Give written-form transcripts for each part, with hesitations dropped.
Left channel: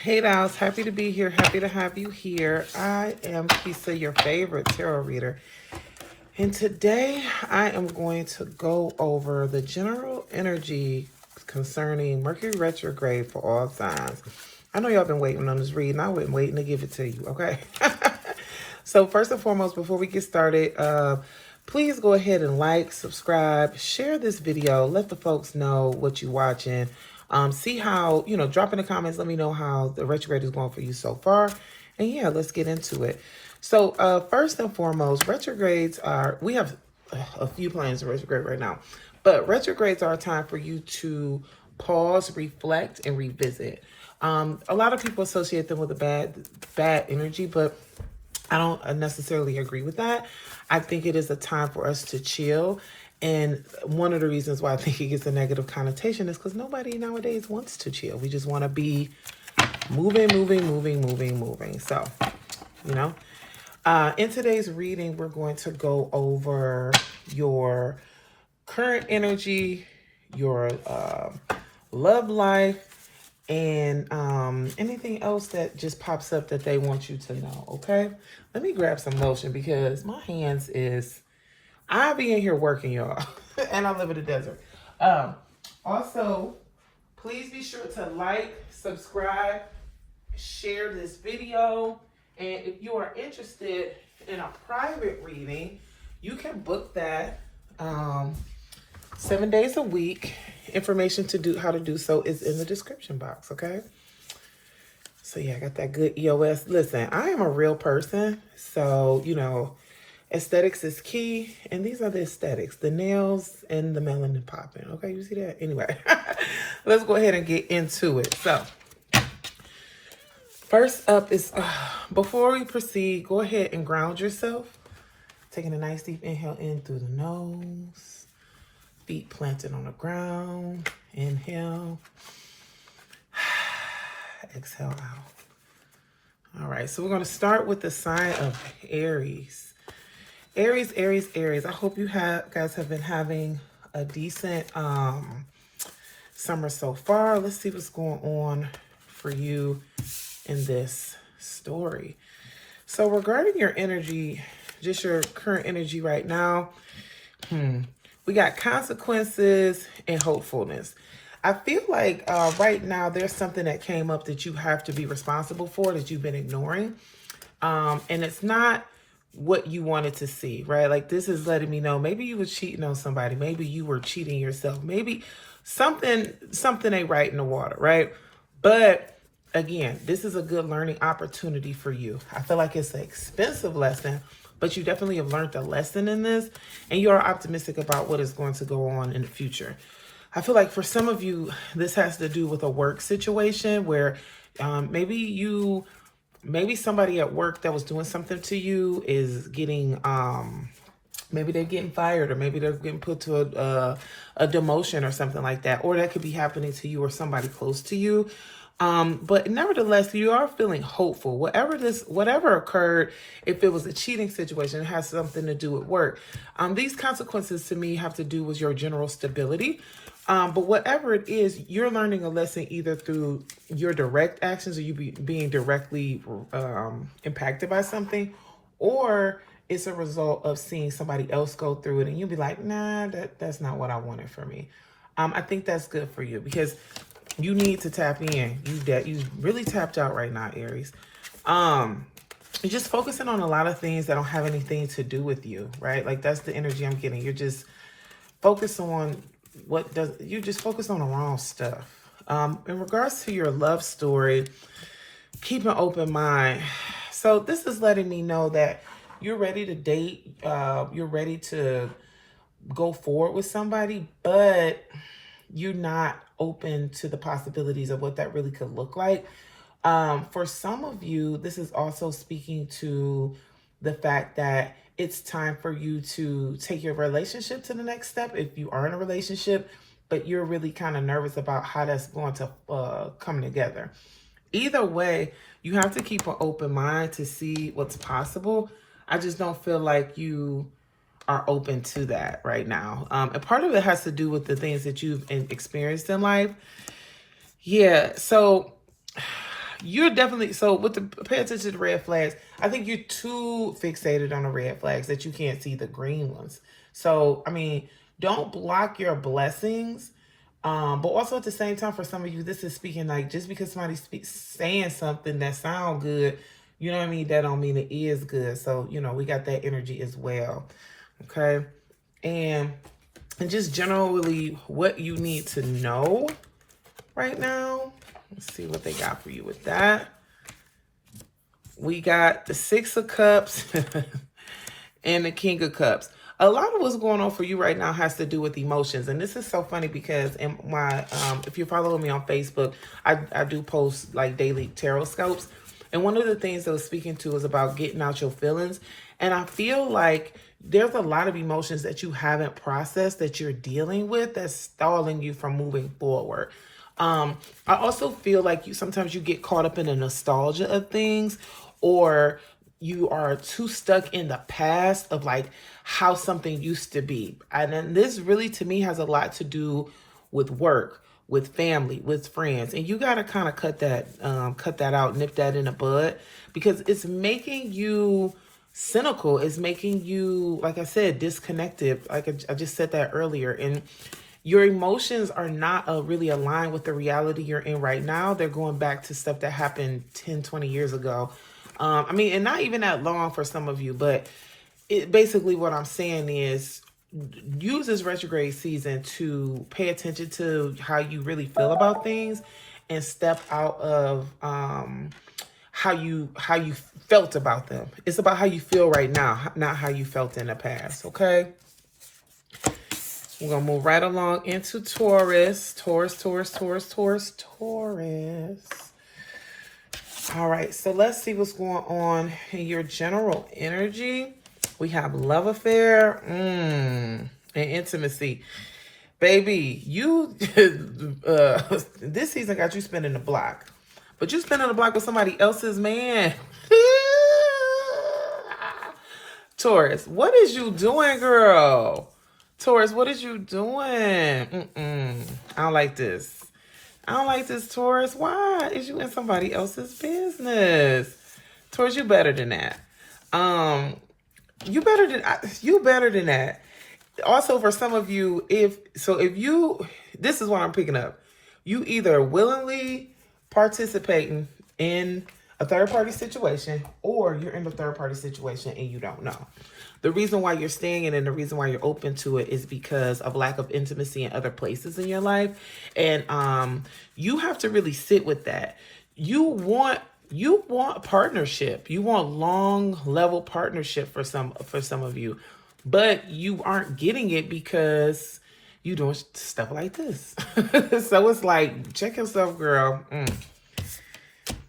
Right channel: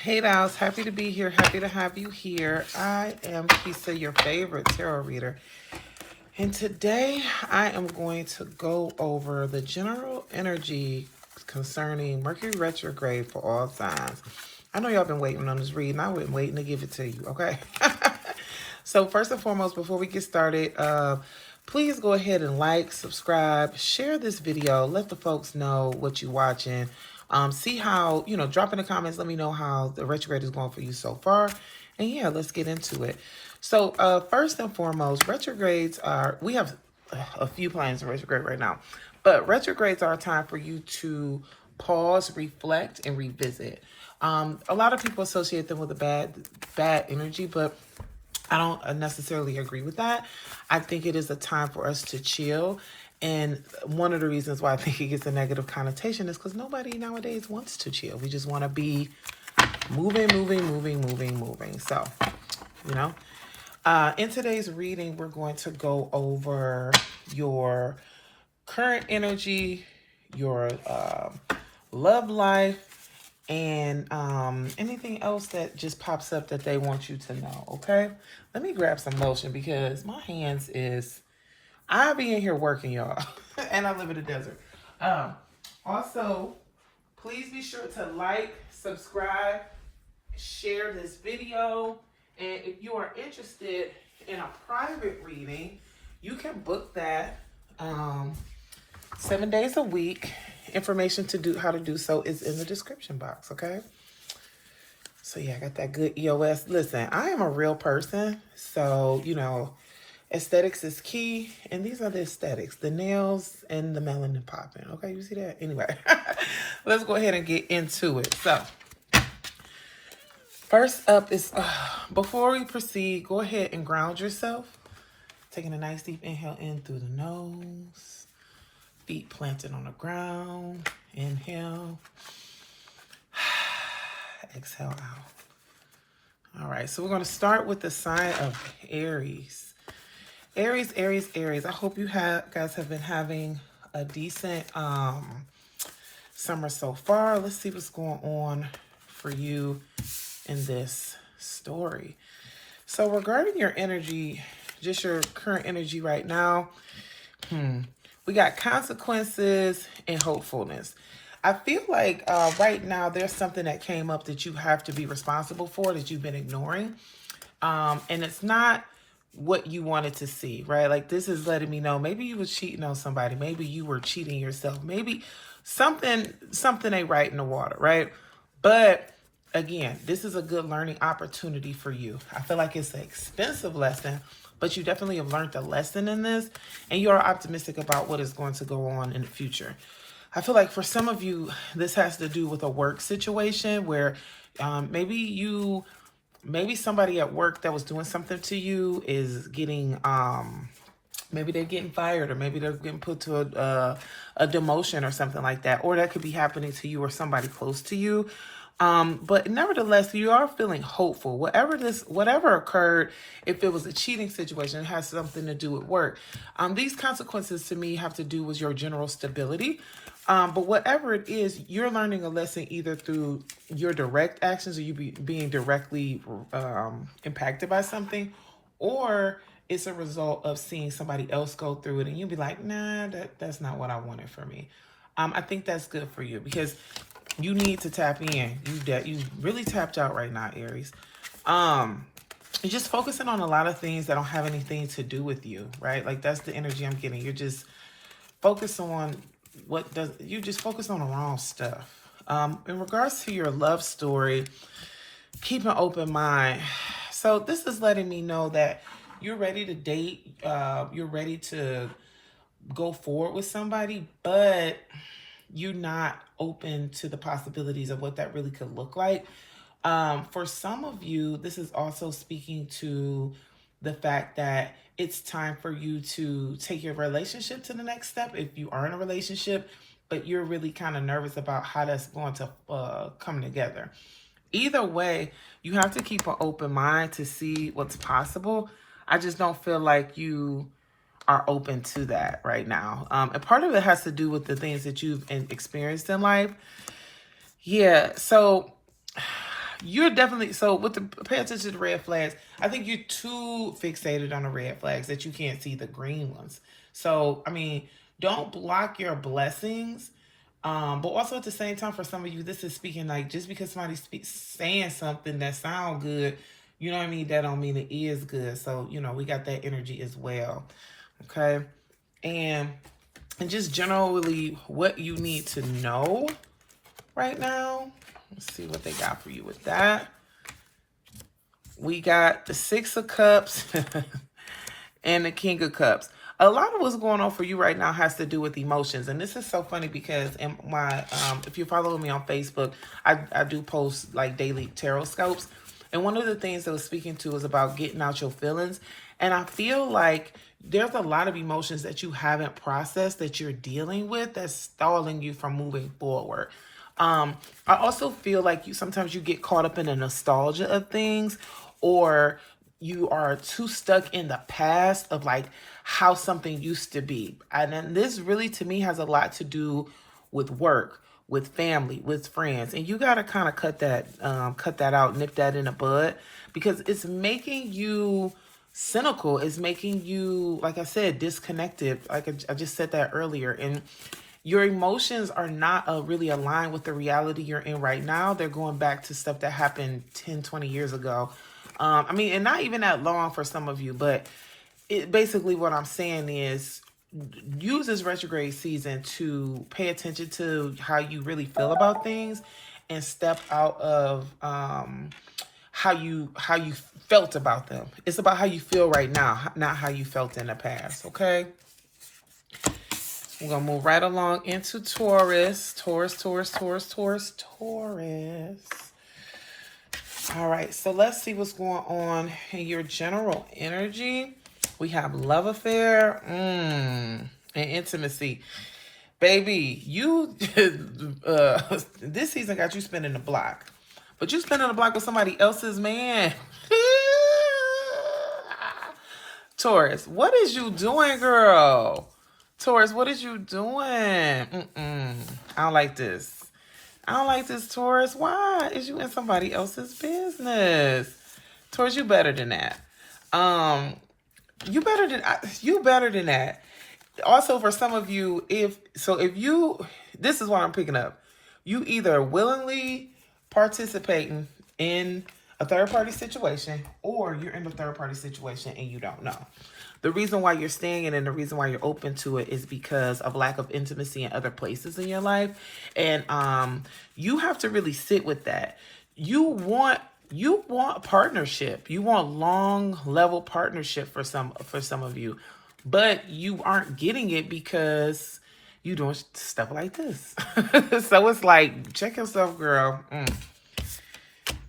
Hey Dolls, happy to be here. Happy to have you here. I am Kisa, your favorite tarot reader. And today I am going to go over the general energy concerning Mercury retrograde for all signs. I know y'all been waiting on this reading. I've been waiting to give it to you, okay? So first and foremost, before we get started, please go ahead and like, subscribe, share this video. Let the folks know what you're watching. See how, drop in the comments. Let me know how the retrograde is going for you so far. And yeah, let's get into it. So first and foremost, retrogrades are, we have a few planets in retrograde right now, but retrogrades are a time for you to pause, reflect, and revisit. A lot of people associate them with a bad energy, but I don't necessarily agree with that. I think it is a time for us to chill. And one of the reasons why I think it gets a negative connotation is because nobody nowadays wants to chill. We just want to be moving. So, in today's reading, we're going to go over your current energy, your love life, and anything else that just pops up that they want you to know, okay? Let me grab some lotion because my hands is... I be in here working, y'all, and I live in the desert. Also, please be sure to like, subscribe, share this video. And if you are interested in a private reading, you can book that 7 days a week. Information to do how to do so is in the description box, okay? So yeah, I got that good EOS. Listen, I am a real person, so aesthetics is key, and these are the aesthetics, the nails and the melanin popping. Okay, you see that? Anyway, let's go ahead and get into it. So first up is, before we proceed, go ahead and ground yourself. Taking a nice deep inhale in through the nose, feet planted on the ground. Inhale, exhale out. All right, so we're going to start with the sign of Aries. Aries. I hope you guys have been having a decent summer so far. Let's see what's going on for you in this story. So regarding your energy, just your current energy right now, we got consequences and hopefulness. I feel like right now there's something that came up that you have to be responsible for that you've been ignoring. And it's not what you wanted to see, right? Like, this is letting me know maybe you were cheating on somebody. Maybe you were cheating yourself. Maybe something ain't right in the water, right? But again, this is a good learning opportunity for you. I feel like it's an expensive lesson, but you definitely have learned a lesson in this, and you are optimistic about what is going to go on in the future. I feel like for some of you, this has to do with a work situation where maybe somebody at work that was doing something to you is getting, maybe they're getting fired, or maybe they're getting put to a demotion or something like that. Or that could be happening to you or somebody close to you. But nevertheless, you are feeling hopeful. Whatever occurred, if it was a cheating situation, it has something to do with work. These consequences to me have to do with your general stability. But whatever it is, you're learning a lesson either through your direct actions, or you being directly impacted by something, or it's a result of seeing somebody else go through it and you'll be like, nah, that's not what I wanted for me. I think that's good for you because you need to tap in. You really tapped out right now, Aries. You're just focusing on a lot of things that don't have anything to do with you, right? Like, that's the energy I'm getting. You're just focused on you just focus on the wrong stuff. In regards to your love story, keep an open mind. So this is letting me know that you're ready to date. You're ready to go forward with somebody, but you're not open to the possibilities of what that really could look like. For some of you, this is also speaking to the fact that it's time for you to take your relationship to the next step if you are in a relationship, but you're really kind of nervous about how that's going to come together. Either way, you have to keep an open mind to see what's possible. I just don't feel like you are open to that right now. And part of it has to do with the things that you've experienced in life. Yeah, so you're definitely, so with the, pay attention to red flags. I think you're too fixated on the red flags that you can't see the green ones. So, I mean, don't block your blessings. But also at the same time, for some of you, this is speaking like, just because somebody's saying something that sounds good, you know what I mean? That don't mean it is good. So, you know, we got that energy as well. Okay. And just generally what you need to know right now. Let's see what they got for you with that. We got the Six of Cups and the King of Cups. A lot of what's going on for you right now has to do with emotions. And this is so funny because in my, if you're following me on Facebook, I do post like daily tarot scopes. And one of the things that I was speaking to is about getting out your feelings. And I feel like there's a lot of emotions that you haven't processed that you're dealing with that's stalling you from moving forward. I also feel like sometimes you get caught up in the nostalgia of things, or you are too stuck in the past of like how something used to be. And then this really to me has a lot to do with work, with family, with friends. And you got to kind of cut that out, nip that in the bud, because it's making you cynical. It's making you, like I said, disconnected. Like I just said that earlier. And your emotions are not really aligned with the reality you're in right now. They're going back to stuff that happened 10, 20 years ago. I mean, and not even that long for some of you, but basically what I'm saying is use this retrograde season to pay attention to how you really feel about things and step out of how you felt about them. It's about how you feel right now, not how you felt in the past, okay? We're going to move right along into Taurus. Taurus. All right, so let's see what's going on in your general energy. We have love affair and intimacy. Baby, you this season got you spinning the block. But you spinning the block with somebody else's man. Taurus, what is you doing, girl? Taurus, what is you doing? I don't like this. I don't like this, Taurus. Why is you in somebody else's business? Taurus, you better than that. You better than that. Also, for some of you, this is what I'm picking up. You either willingly participating in a third-party situation, or you're in a third-party situation and you don't know. The reason why you're staying in and the reason why you're open to it is because of lack of intimacy in other places in your life. And you have to really sit with that. You want partnership. You want long level partnership for some of you, but you aren't getting it because you doing stuff like this. So it's like, check yourself, girl.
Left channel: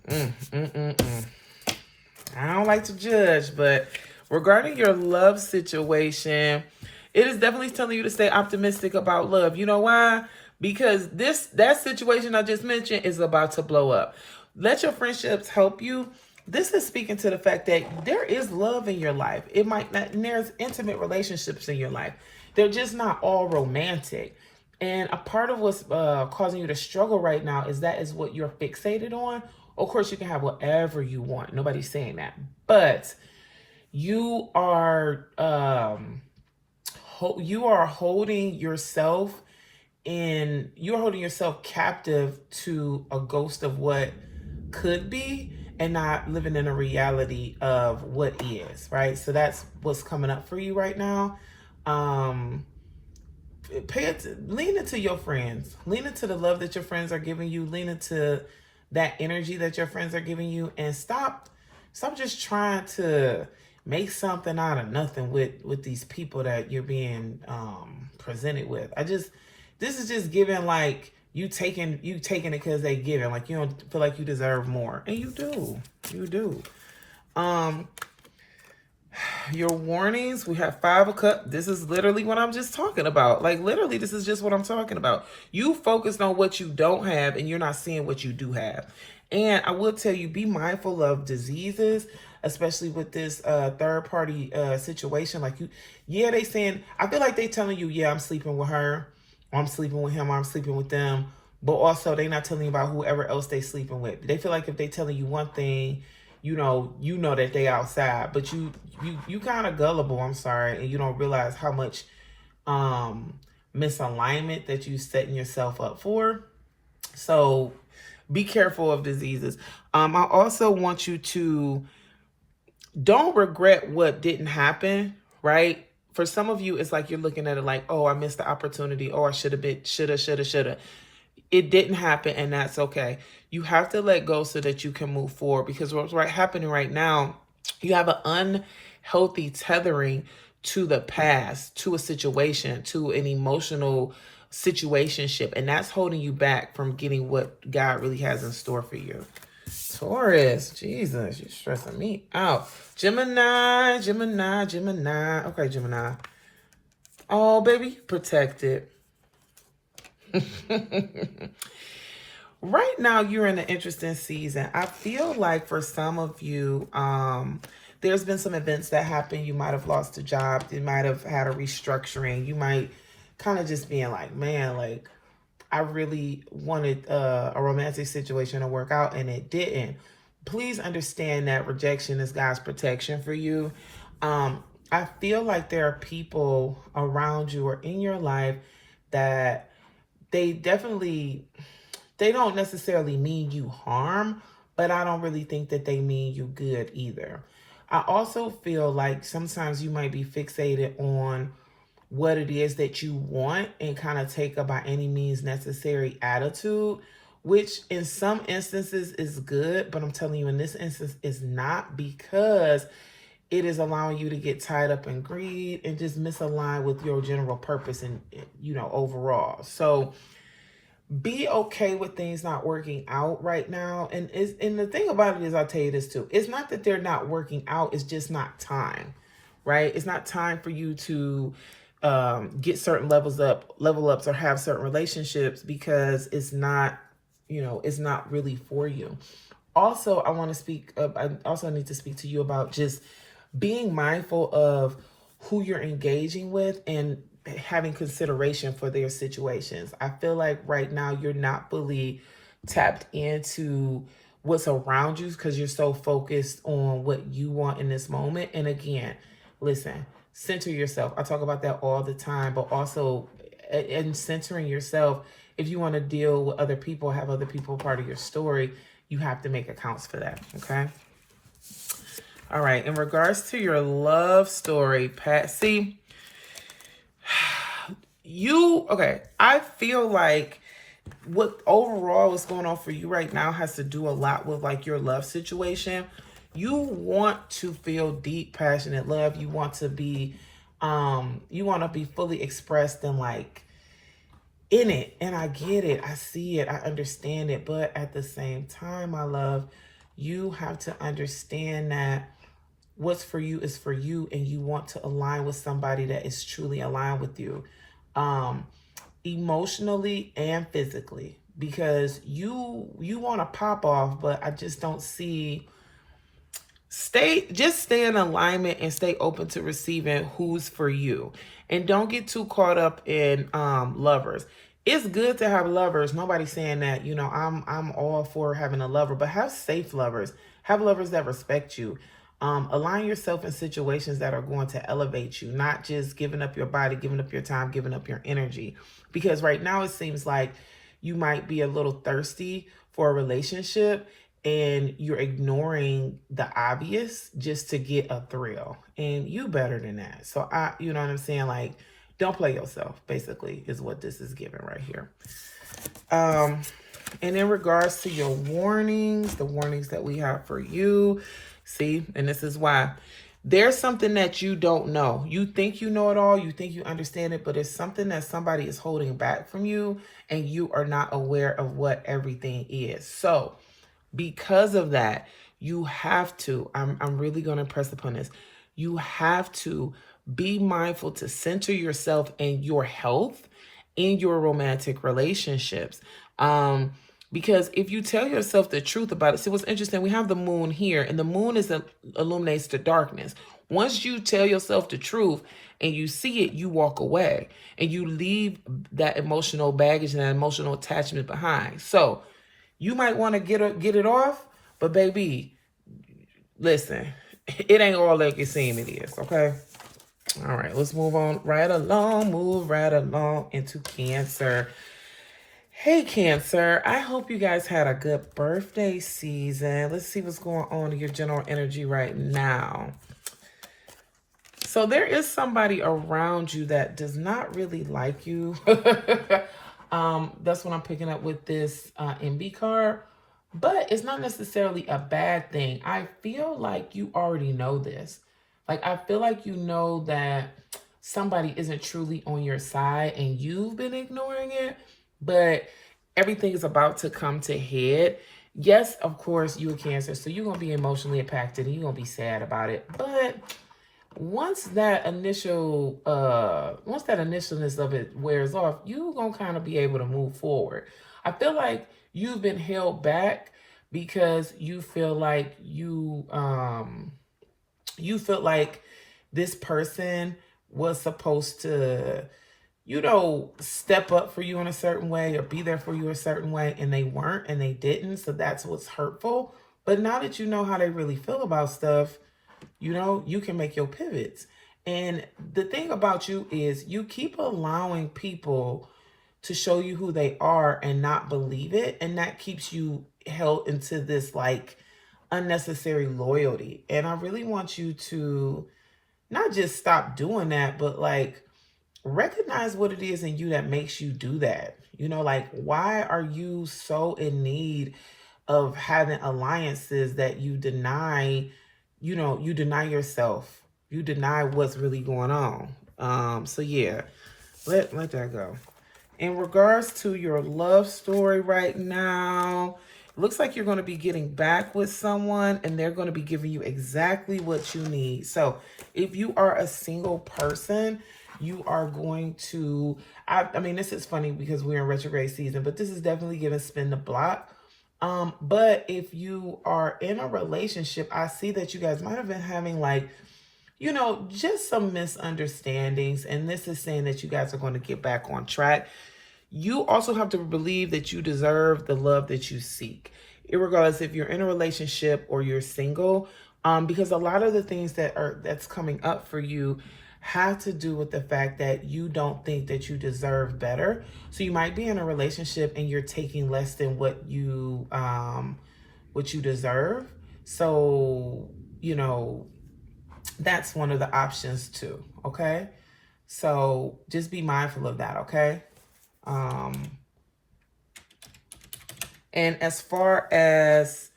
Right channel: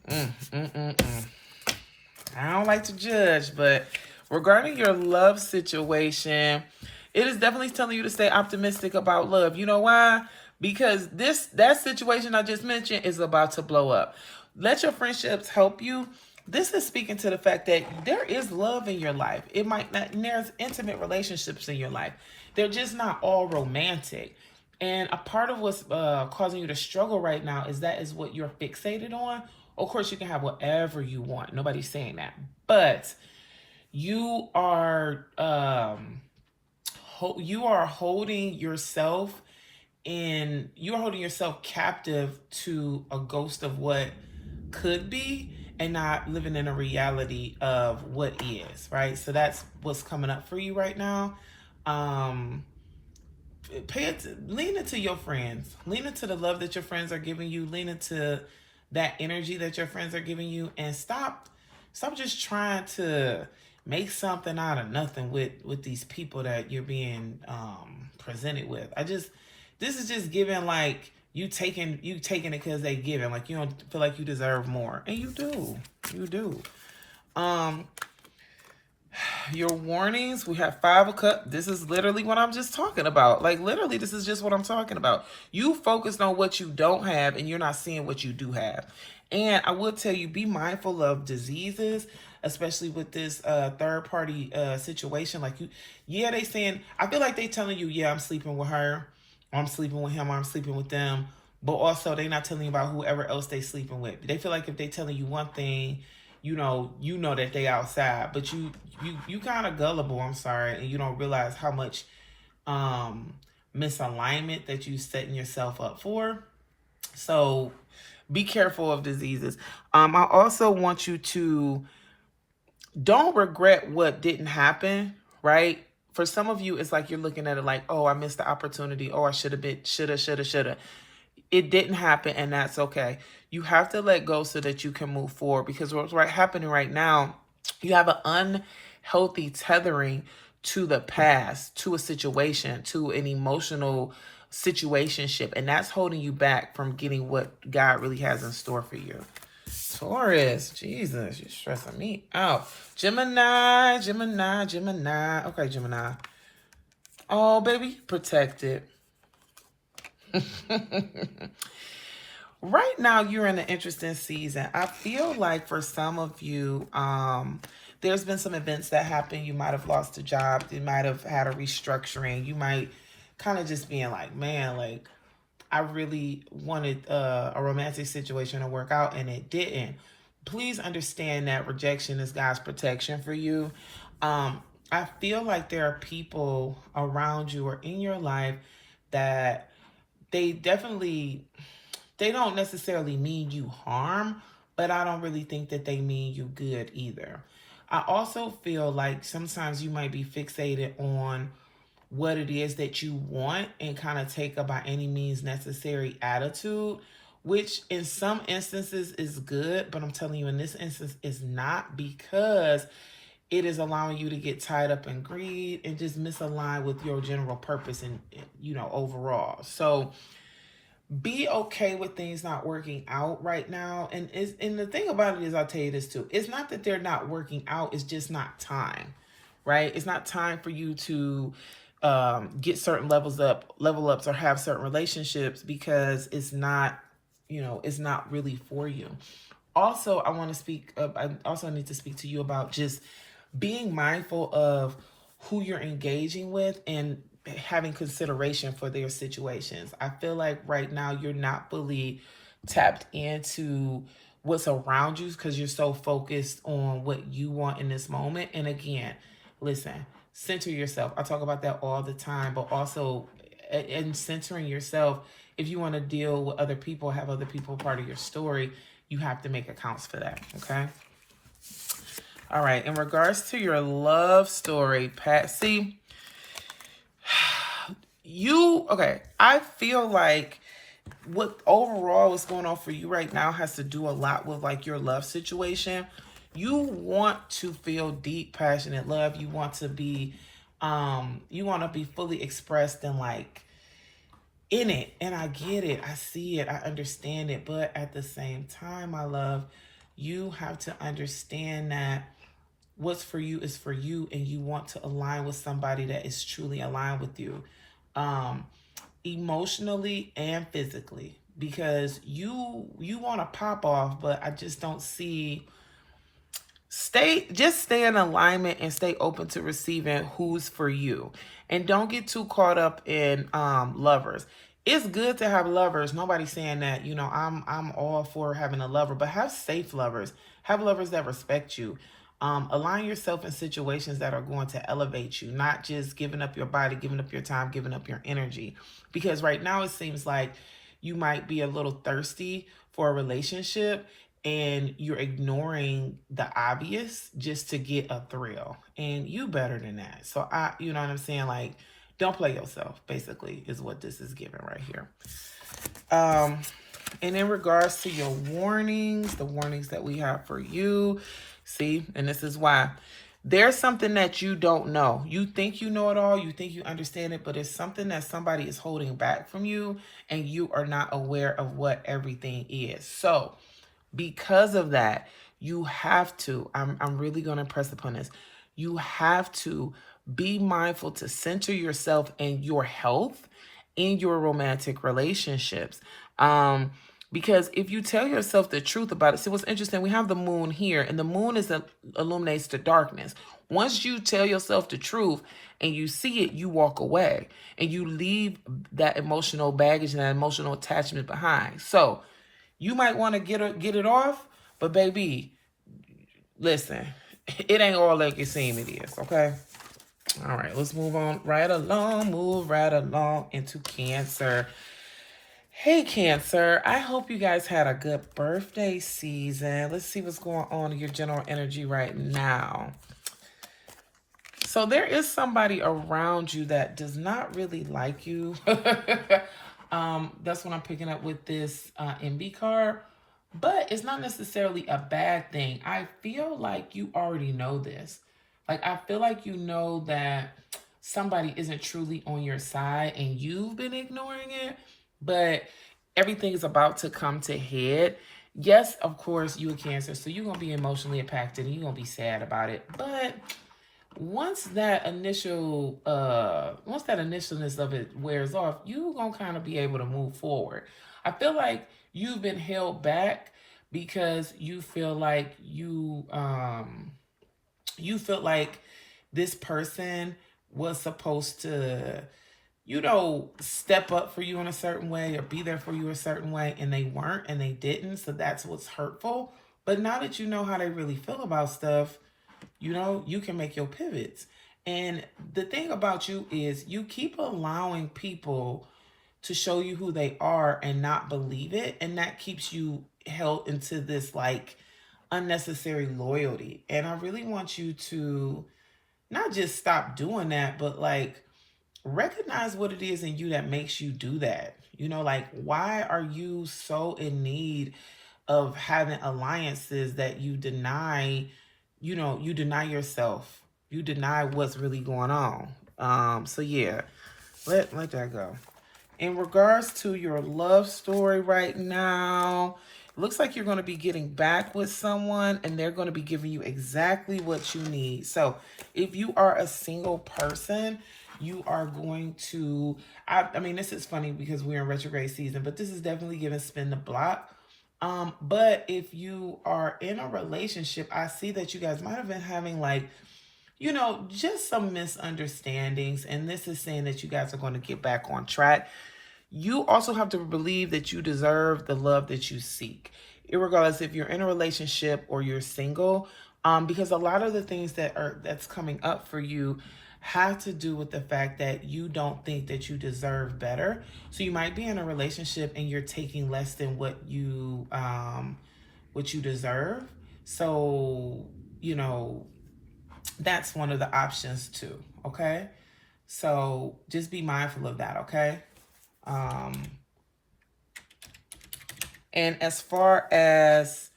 I don't like to judge, but regarding your love situation, it is definitely telling you to stay optimistic about love. You know why? Because that situation I just mentioned is about to blow up. Let your friendships help you. This is speaking to the fact that there is love in your life. It might not, there's intimate relationships in your life. They're just not all romantic. And a part of what's causing you to struggle right now is what you're fixated on. Of course, you can have whatever you want. Nobody's saying that. But you are holding yourself captive to a ghost of what could be and not living in a reality of what is, right? So that's what's coming up for you right now. Lean into your friends. Lean into the love that your friends are giving you. Lean into that energy that your friends are giving you, and stop just trying to make something out of nothing with these people that you're being presented with. This is just giving like you taking it because they giving, like you don't feel like you deserve more, and you do. Your warnings, we have 5 of Cups. This is literally what I'm just talking about. Like literally, this is just what I'm talking about. You focused on what you don't have and you're not seeing what you do have. And I will tell you, be mindful of diseases, especially with this third party situation. Like they saying, I feel like they telling you, yeah, I'm sleeping with her, or I'm sleeping with him, or I'm sleeping with them. but also they're not telling you about whoever else they sleeping with. They feel like if they telling you one thing, you know that they outside, but you kind of gullible, I'm sorry, and you don't realize how much misalignment that you setting yourself up for. So be careful of diseases. I also want you to don't regret what didn't happen, right? For some of you, it's like you're looking at it like, oh, I missed the opportunity. Oh, I should have been, shoulda. It didn't happen, and that's okay. You have to let go so that you can move forward, because what's happening right now, you have an unhealthy tethering to the past, to a situation, to an emotional situationship, and that's holding you back from getting what God really has in store for you. Taurus, Jesus, you're stressing me out. Gemini. Okay, Gemini. Oh, baby, protected. Right now, you're in an interesting season. I feel like for some of you, there's been some events that happened. You might have lost a job. You might have had a restructuring. You might kind of just being like, man, like, I really wanted a romantic situation to work out and it didn't. Please understand that rejection is God's protection for you. I feel like there are people around you or in your life that they don't necessarily mean you harm, but I don't really think that they mean you good either. I also feel like sometimes you might be fixated on what it is that you want and kind of take a by any means necessary attitude, which in some instances is good, but I'm telling you in this instance is not, because it is allowing you to get tied up in greed and just misalign with your general purpose and, overall. So be okay with things not working out right now. And the thing about it is, I'll tell you this too. It's not that they're not working out. It's just not time, right? It's not time for you to get certain level ups or have certain relationships, because it's not, it's not really for you. Also, I also need to speak to you about just being mindful of who you're engaging with and having consideration for their situations. I feel like right now you're not fully tapped into what's around you because you're so focused on what you want in this moment. And again, listen, center yourself. I talk about that all the time, but also in centering yourself, if you want to deal with other people, have other people part of your story, you have to make accounts for that, okay? All right, in regards to your love story, Patsy, I feel like what overall is going on for you right now has to do a lot with like your love situation. You want to feel deep, passionate love. You want to be fully expressed and like in it. And I get it. I see it. I understand it. But at the same time, my love, you have to understand that what's for you is for you, and you want to align with somebody that is truly aligned with you, emotionally and physically, because you want to pop off, but I just don't see. Stay in alignment and stay open to receiving who's for you, and don't get too caught up in lovers. It's good to have lovers. Nobody's saying that, I'm all for having a lover, but have safe lovers. Have lovers that respect you. Align yourself in situations that are going to elevate you, not just giving up your body, giving up your time, giving up your energy. Because right now it seems like you might be a little thirsty for a relationship and you're ignoring the obvious just to get a thrill. And you better than that. So you know what I'm saying? Like, don't play yourself, basically, is what this is giving right here. And in regards to your warnings, the warnings that we have for you, see, and this is why there's something that you don't know. You think you know it all. You think you understand it, but it's something that somebody is holding back from you and you are not aware of what everything is. So because of that, you have to, I'm really going to press upon this. You have to be mindful to center yourself and your health in your romantic relationships. Because if you tell yourself the truth about it, see what's interesting, we have the moon here, and the moon illuminates the darkness. Once you tell yourself the truth and you see it, you walk away. and you leave that emotional baggage and that emotional attachment behind. So you might want to get it off, but baby, listen, it ain't all like you seem it is, okay? All right, let's move on move right along into Cancer. Hey, Cancer, I hope you guys had a good birthday season. Let's see what's going on in your general energy right now. So there is somebody around you that does not really like you. That's what I'm picking up with this MB card. But it's not necessarily a bad thing. I feel like you already know this. Like, I feel like you know that somebody isn't truly on your side and you've been ignoring it, but everything is about to come to head. Yes, of course, you a Cancer, so you're going to be emotionally impacted and you're going to be sad about it. But once that initialness of it wears off, you're going to kind of be able to move forward. I feel like you've been held back because you feel like you felt like this person was supposed to, step up for you in a certain way or be there for you a certain way, and they weren't and they didn't. So that's what's hurtful. But now that you know how they really feel about stuff, you can make your pivots. And the thing about you is you keep allowing people to show you who they are and not believe it. And that keeps you held into this like unnecessary loyalty. And I really want you to not just stop doing that, but like recognize what it is in you that makes you do that. Like, why are you so in need of having alliances that you deny? You deny yourself. You deny what's really going on. So yeah, let that go. In regards to your love story right now, looks like you're going to be getting back with someone and they're going to be giving you exactly what you need. So if you are a single person, you are going to, I mean, this is funny because we're in retrograde season, but this is definitely giving spin the block. But if you are in a relationship, I see that you guys might have been having like, just some misunderstandings. And this is saying that you guys are going to get back on track. You also have to believe that you deserve the love that you seek, irregardless if you're in a relationship or you're single, because a lot of the things that's coming up for you have to do with the fact that you don't think that you deserve better. So you might be in a relationship and you're taking less than what you deserve. So, that's one of the options too. Okay. So just be mindful of that. Okay. And as far as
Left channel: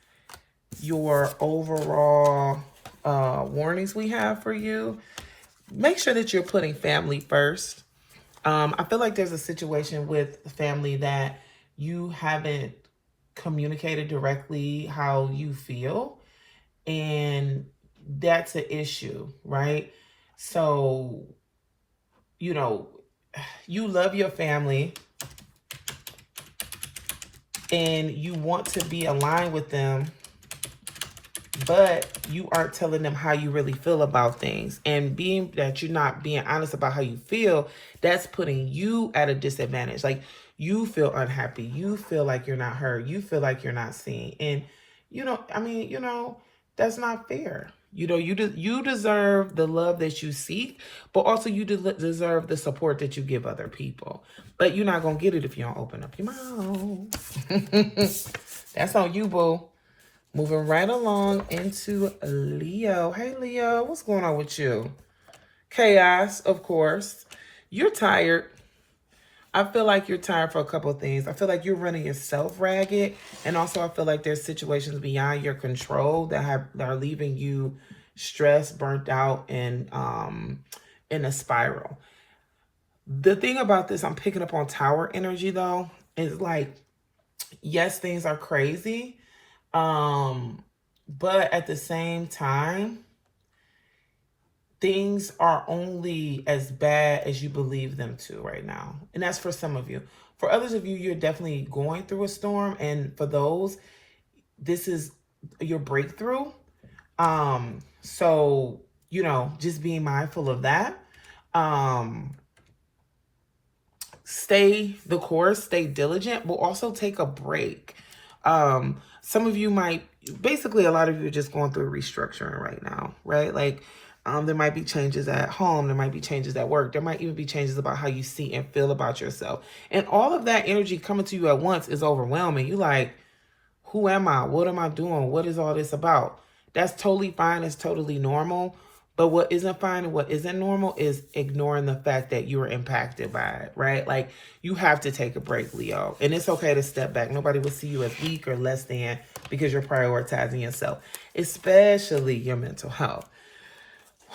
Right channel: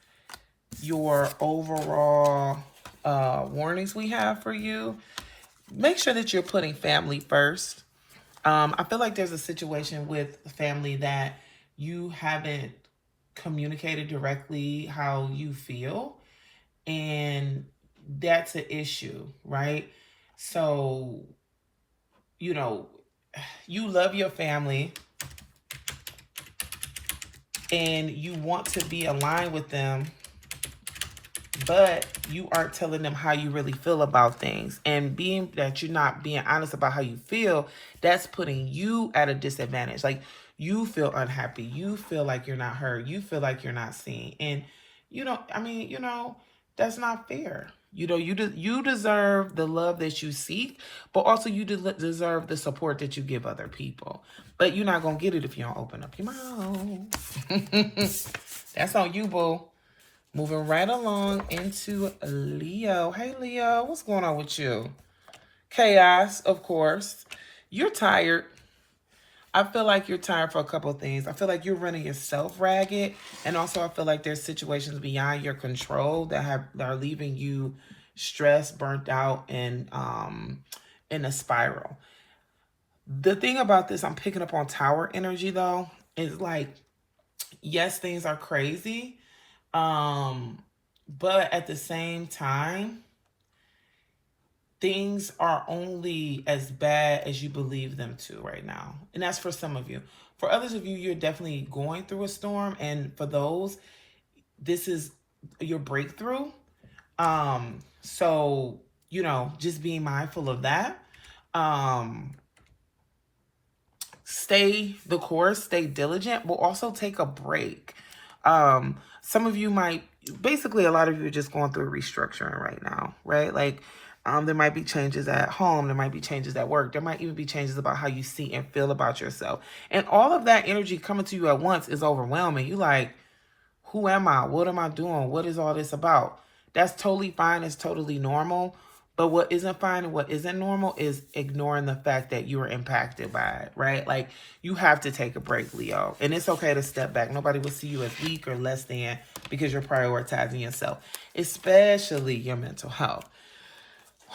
your overall warnings we have for you, make sure that you're putting family first. I feel like there's a situation with family that you haven't communicated directly how you feel, and that's an issue, right? So, you love your family and you want to be aligned with them, but you aren't telling them how you really feel about things. And being that you're not being honest about how you feel, that's putting you at a disadvantage. Like, you feel unhappy. You feel like you're not heard. You feel like you're not seen. And, that's not fair. You deserve the love that you seek, but also you deserve the support that you give other people. But you're not going to get it if you don't open up your mouth. That's on you, boo. Moving right along into Leo. Hey, Leo, what's going on with you? Chaos, of course. You're tired. I feel like you're tired for a couple of things. I feel like you're running yourself ragged. And also I feel like there's situations beyond your control that are leaving you stressed, burnt out, and in a spiral. The thing about this, I'm picking up on tower energy though, is like, yes, things are crazy. But at the same time, things are only as bad as you believe them to right now. And that's for some of you. For others of you, you're definitely going through a storm. And for those, this is your breakthrough. So, just being mindful of that. stay the course, stay diligent, but also take a break. Some of you might, basically a lot of you are just going through restructuring right now, right? Like, there might be changes at home. There might be changes at work. There might even be changes about how you see and feel about yourself. And all of that energy coming to you at once is overwhelming. You like, who am I? What am I doing? What is all this about? That's totally fine. It's totally normal. But what isn't fine and what isn't normal is ignoring the fact that you were impacted by it, right? Like, you have to take a break, Leo. And it's okay to step back. Nobody will see you as weak or less than because you're prioritizing yourself, especially your mental health.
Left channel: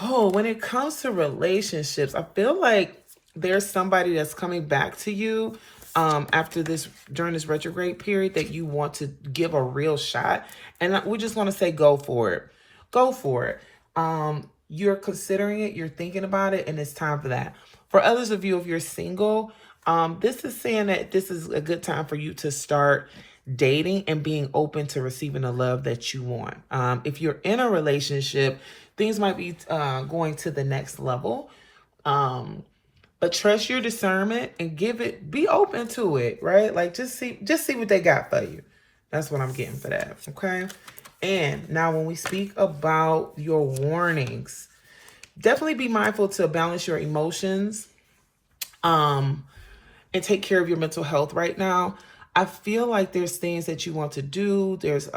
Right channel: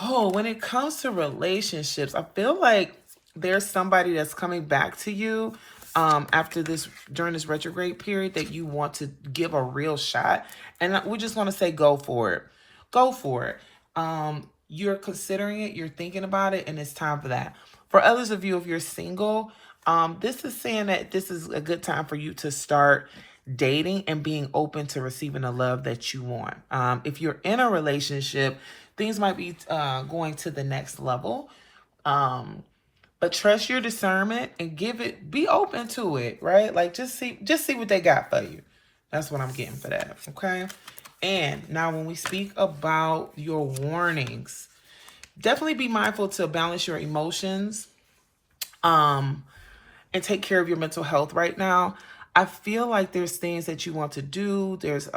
Oh, when it comes to relationships, I feel like there's somebody that's coming back to you after this, during this retrograde period, that you want to give a real shot. And we just want to say, go for it. Go for it. You're considering it, you're thinking about it, and it's time for that. For others of you, if you're single, this is saying that this is a good time for you to start dating and being open to receiving the love that you want. If you're in a relationship, things might be going to the next level. But trust your discernment and be open to it, right? Like, just see what they got for you. That's what I'm getting for that, okay? And now when we speak about your warnings, definitely be mindful to balance your emotions and take care of your mental health right now. I feel like there's things that you want to do. There's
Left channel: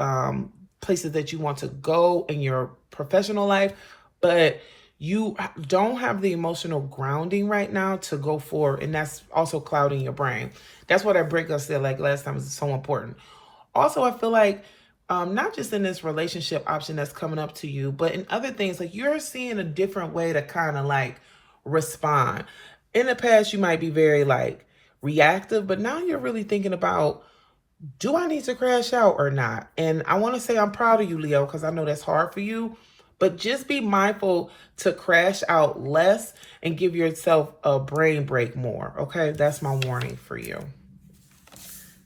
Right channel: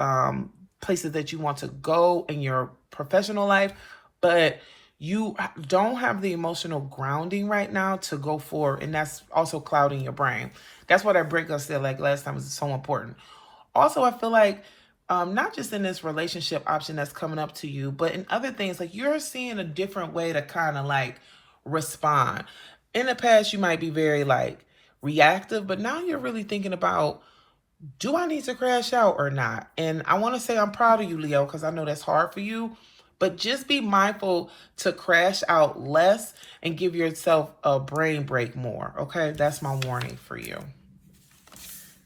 places that you want to go in your professional life, but you don't have the emotional grounding right now to go forward. And that's also clouding your brain. That's what that breakup said like last time is so important. Also, I feel like not just in this relationship option that's coming up to you, but in other things, like you're seeing a different way to kind of like respond. In the past, you might be very like reactive, but now you're really thinking about, do I need to crash out or not? And I want to say I'm proud of you, Leo, because I know that's hard for you, but just be mindful to crash out less and give yourself a brain break more. Okay, that's my warning for you.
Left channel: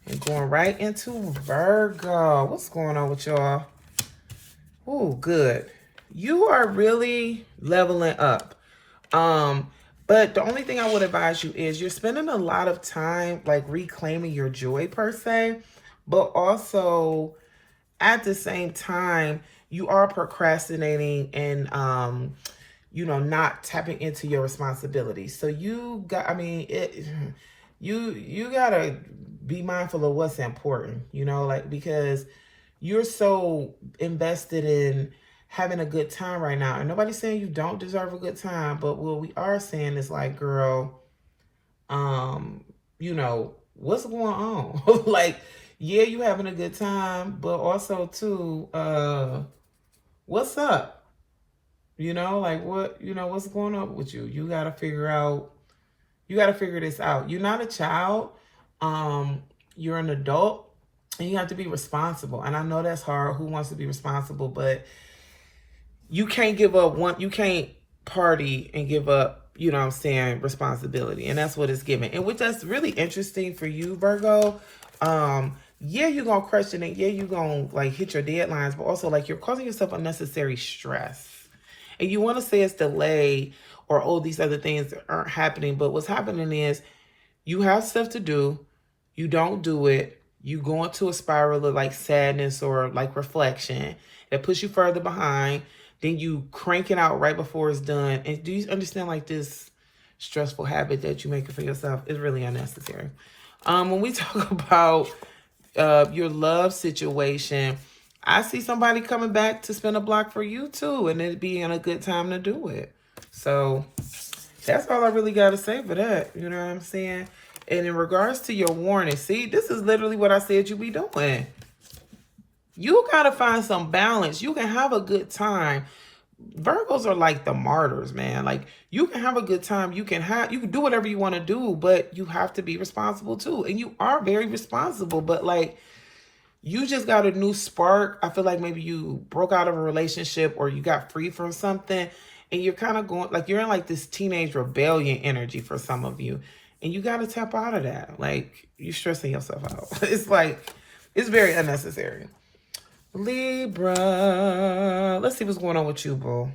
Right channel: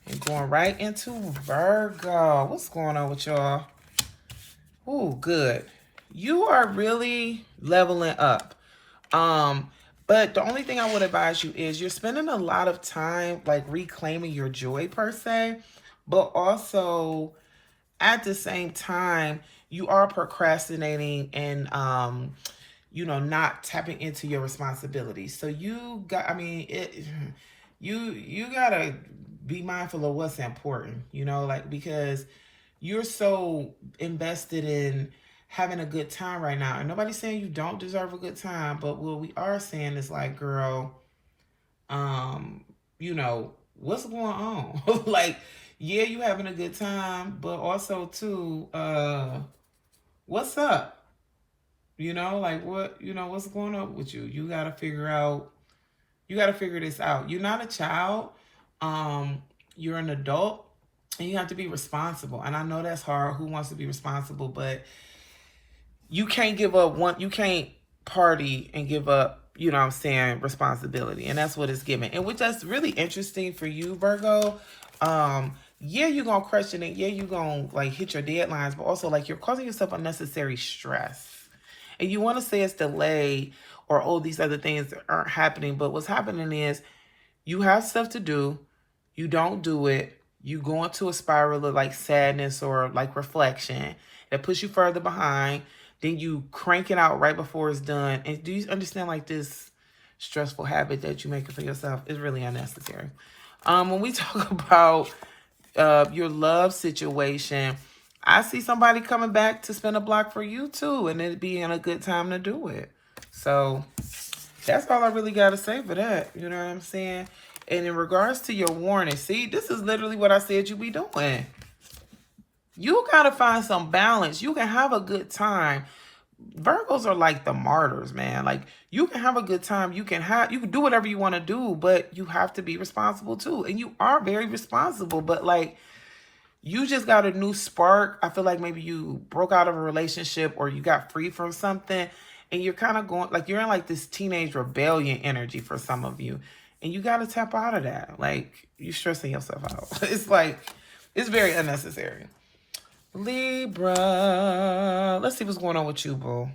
And going right into Virgo. What's going on with y'all? Ooh, good. You are really leveling up. But the only thing I would advise you is you're spending a lot of time like reclaiming your joy per se, but also at the same time, you are procrastinating and, not tapping into your responsibilities. So you got, you gotta be mindful of what's important, because you're so invested in having a good time right now. And nobody's saying you don't deserve a good time, but what we are saying is like, girl, what's going on? Like, yeah, you having a good time, but also too, what's up? What's going on with you? You gotta figure this out. You're not a child. You're an adult and you have to be responsible. And I know that's hard. Who wants to be responsible? But you can't give up you can't party and give up, responsibility. And that's what it's giving. And which that's really interesting for you, Virgo. Yeah, you're going to question it. Yeah, you're going to like hit your deadlines, but also like you're causing yourself unnecessary stress. And you want to say it's delayed or, oh, these other things aren't happening. But what's happening is you have stuff to do. You don't do it. You go into a spiral of like sadness or like reflection that puts you further behind. Then you crank it out right before it's done. And do you understand like this stressful habit that you make for yourself is really unnecessary? When we talk about your love situation, I see somebody coming back to spin a block for you too, and it being a good time to do it. So that's all I really got to say for that. You know what I'm saying? And in regards to your warning, see, this is literally what I said you be doing. You got to find some balance. You can have a good time. Virgos are like the martyrs, man. Like, you can have a good time. You can do whatever you want to do, but you have to be responsible too. And you are very responsible, but like, you just got a new spark. I feel like maybe you broke out of a relationship or you got free from something and you're kind of going, like, you're in like this teenage rebellion energy for some of you. And you got to tap out of that. Like, you're stressing yourself out. It's like, it's very unnecessary. Libra. Let's see what's going on with you, bro.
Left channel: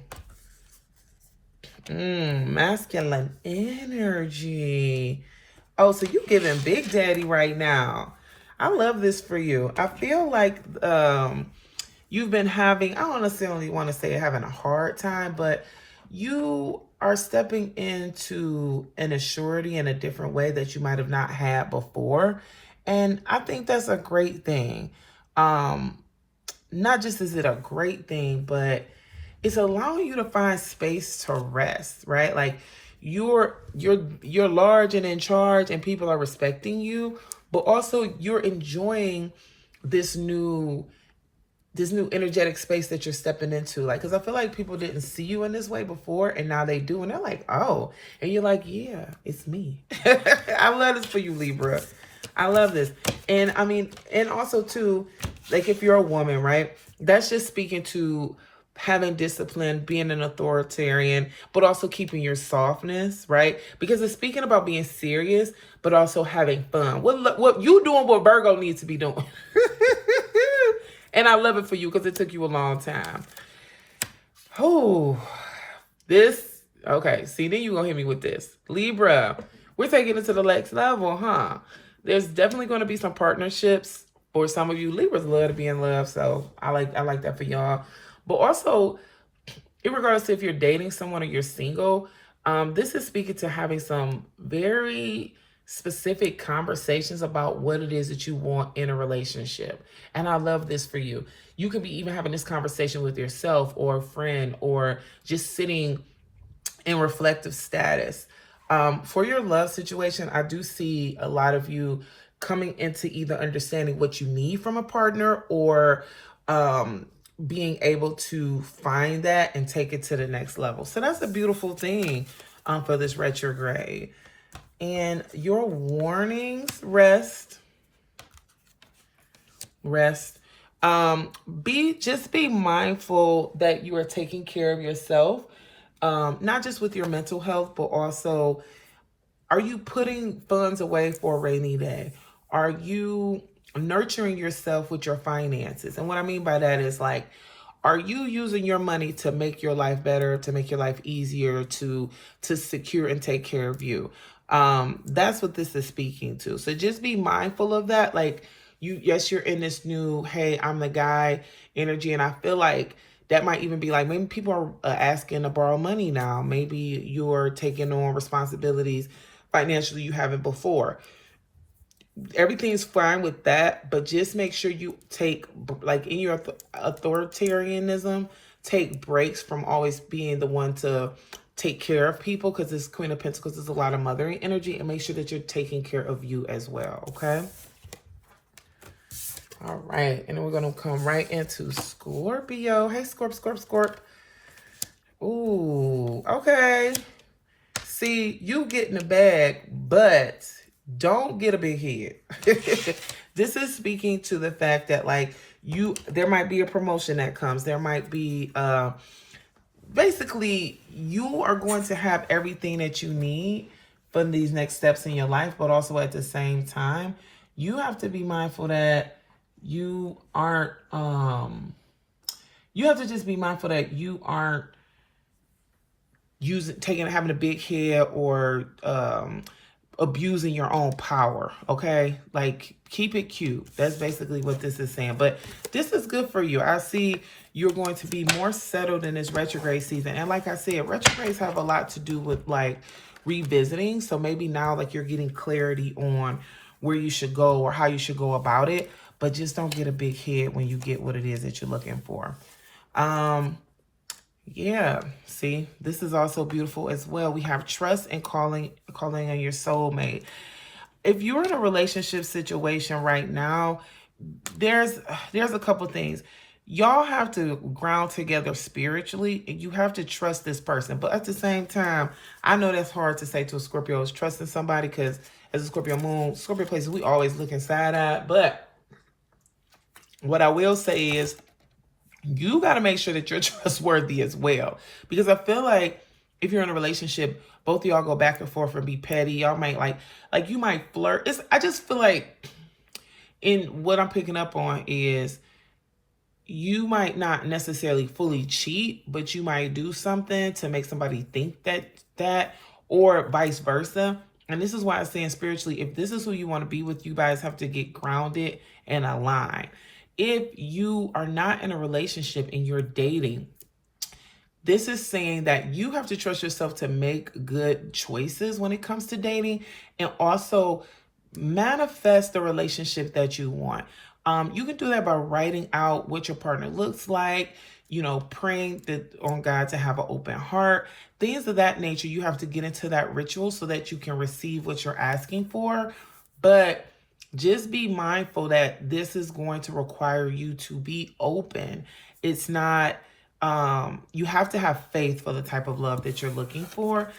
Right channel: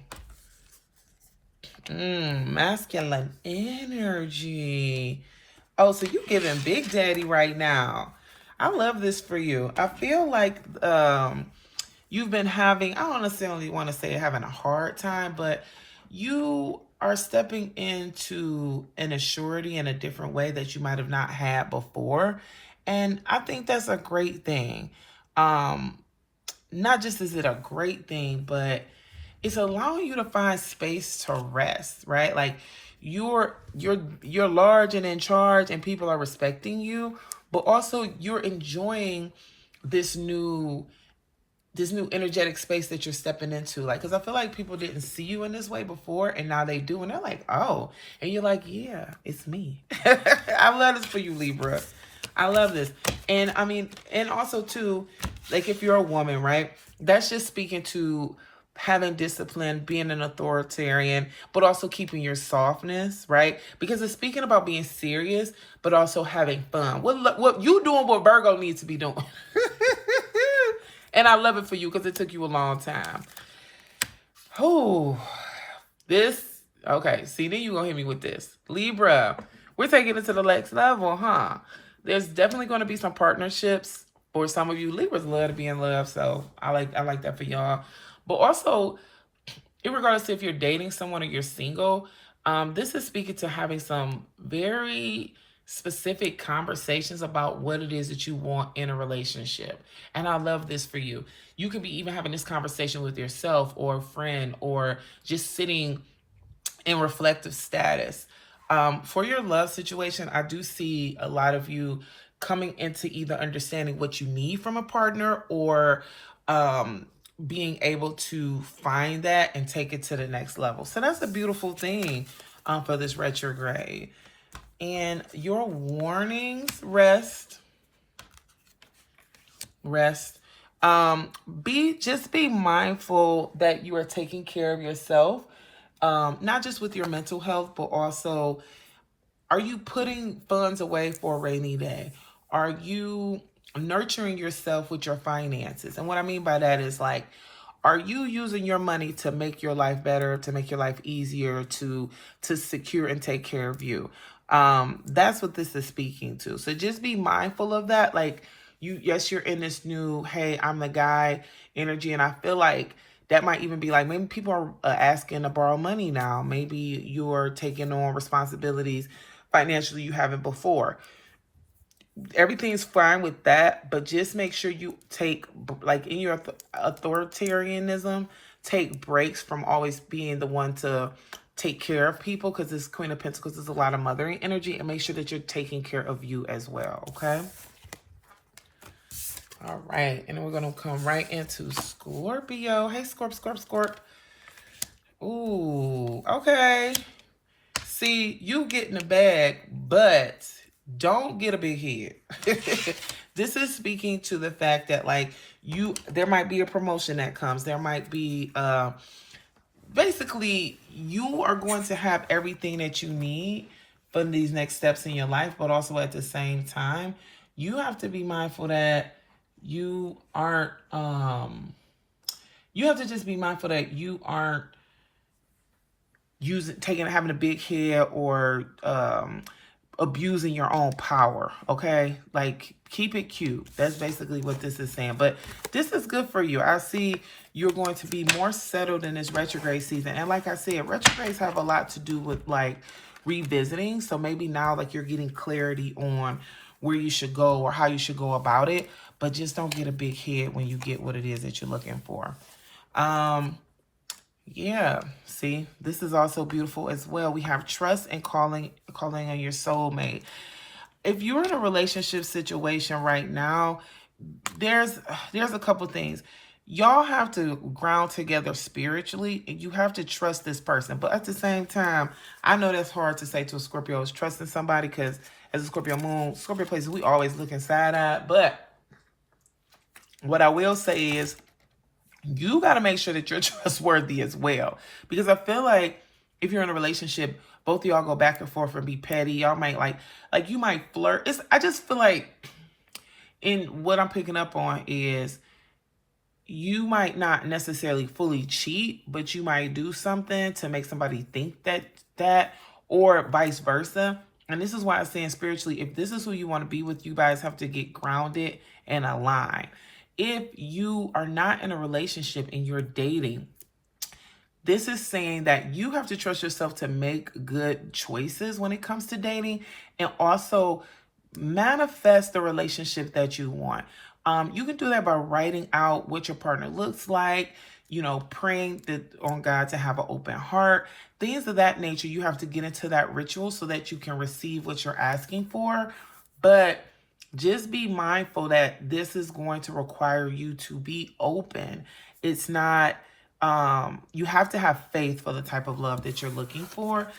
Masculine energy. Oh, so you giving Big Daddy right now. I love this for you. I feel like you've been having, I don't necessarily want to say having a hard time, but you are stepping into an assurity in a different way that you might have not had before. And I think that's a great thing. Not just is it a great thing, but it's allowing you to find space to rest, right? Like you're large and in charge and people are respecting you, but also you're enjoying this new energetic space that you're stepping into. Like, because I feel like people didn't see you in this way before and now they do, and they're like, oh, and you're like, yeah, it's me. I love this for you, Libra. I love this. And I mean, and also too, like if you're a woman, right, that's just speaking to having discipline, being an authoritarian, but also keeping your softness, right? Because it's speaking about being serious, but also having fun. What you doing what Virgo needs to be doing. And I love it for you because it took you a long time. Oh, okay. See, then you're going to hit me with this. Libra, we're taking it to the next level, huh? There's definitely going to be some partnerships for some of you. Libras love to be in love, so I like that for y'all. But also, regardless if you're dating someone or you're single, this is speaking to having some very specific conversations about what it is that you want in a relationship. And I love this for you. You could be even having this conversation with yourself or a friend or just sitting in reflective status. For your love situation, I do see a lot of you coming into either understanding what you need from a partner or being able to find that and take it to the next level. So that's a beautiful thing for this retrograde. And your warnings, rest. Just be mindful that you are taking care of yourself, not just with your mental health, but also, are you putting funds away for a rainy day? Are you nurturing yourself with your finances? And what I mean by that is like, are you using your money to make your life better, to make your life easier, to secure and take care of you? That's what this is speaking to. So just be mindful of that. Like yes, you're in this new, hey, I'm the guy energy. And I feel like that might even be like, maybe people are asking to borrow money now. Maybe you're taking on responsibilities financially you haven't before. Everything's fine with that, but just make sure you take, like in your authoritarianism, take breaks from always being the one to take care of people, because this Queen of Pentacles is a lot of mothering energy, and make sure that you're taking care of you as well, okay? All right, and then we're going to come right into Scorpio. Hey, Scorp. Ooh, okay. See, you get in the bag, but don't get a big head. This is speaking to the fact that like there might be a promotion that comes. There might be, basically you are going to have everything that you need for these next steps in your life, but also at the same time, you have to be mindful that you aren't, you have to just be mindful that you aren't having a big head or, abusing your own power, okay? Like, keep it cute. That's basically what this is saying. But this is good for you. I see you're going to be more settled in this retrograde season. And like I said, retrogrades have a lot to do with like revisiting. So maybe now like you're getting clarity on where you should go or how you should go about it. But just don't get a big head when you get what it is that you're looking for. Yeah, see, this is also beautiful as well. We have trust and calling on your soulmate. If you're in a relationship situation right now, there's a couple things. Y'all have to ground together spiritually, and you have to trust this person. But at the same time, I know that's hard to say to a Scorpio is trusting somebody, because as a Scorpio moon, Scorpio places, we always looking side-eyed. But what I will say is, you got to make sure that you're trustworthy as well. Because I feel like if you're in a relationship, both of y'all go back and forth and be petty. Y'all might like you might flirt. I just feel like in what I'm picking up on is you might not necessarily fully cheat, but you might do something to make somebody think that or vice versa. And this is why I'm saying spiritually, if this is who you want to be with, you guys have to get grounded and aligned. If you are not in a relationship and you're dating, this is saying that you have to trust yourself to make good choices when it comes to dating, and also manifest the relationship that you want. You can do that by writing out what your partner looks like, praying on God to have an open heart, things of that nature. You have to get into that ritual so that you can receive what you're asking for. But just be mindful that this is going to require you to be open. It's not, you have to have faith for the type of love that you're looking for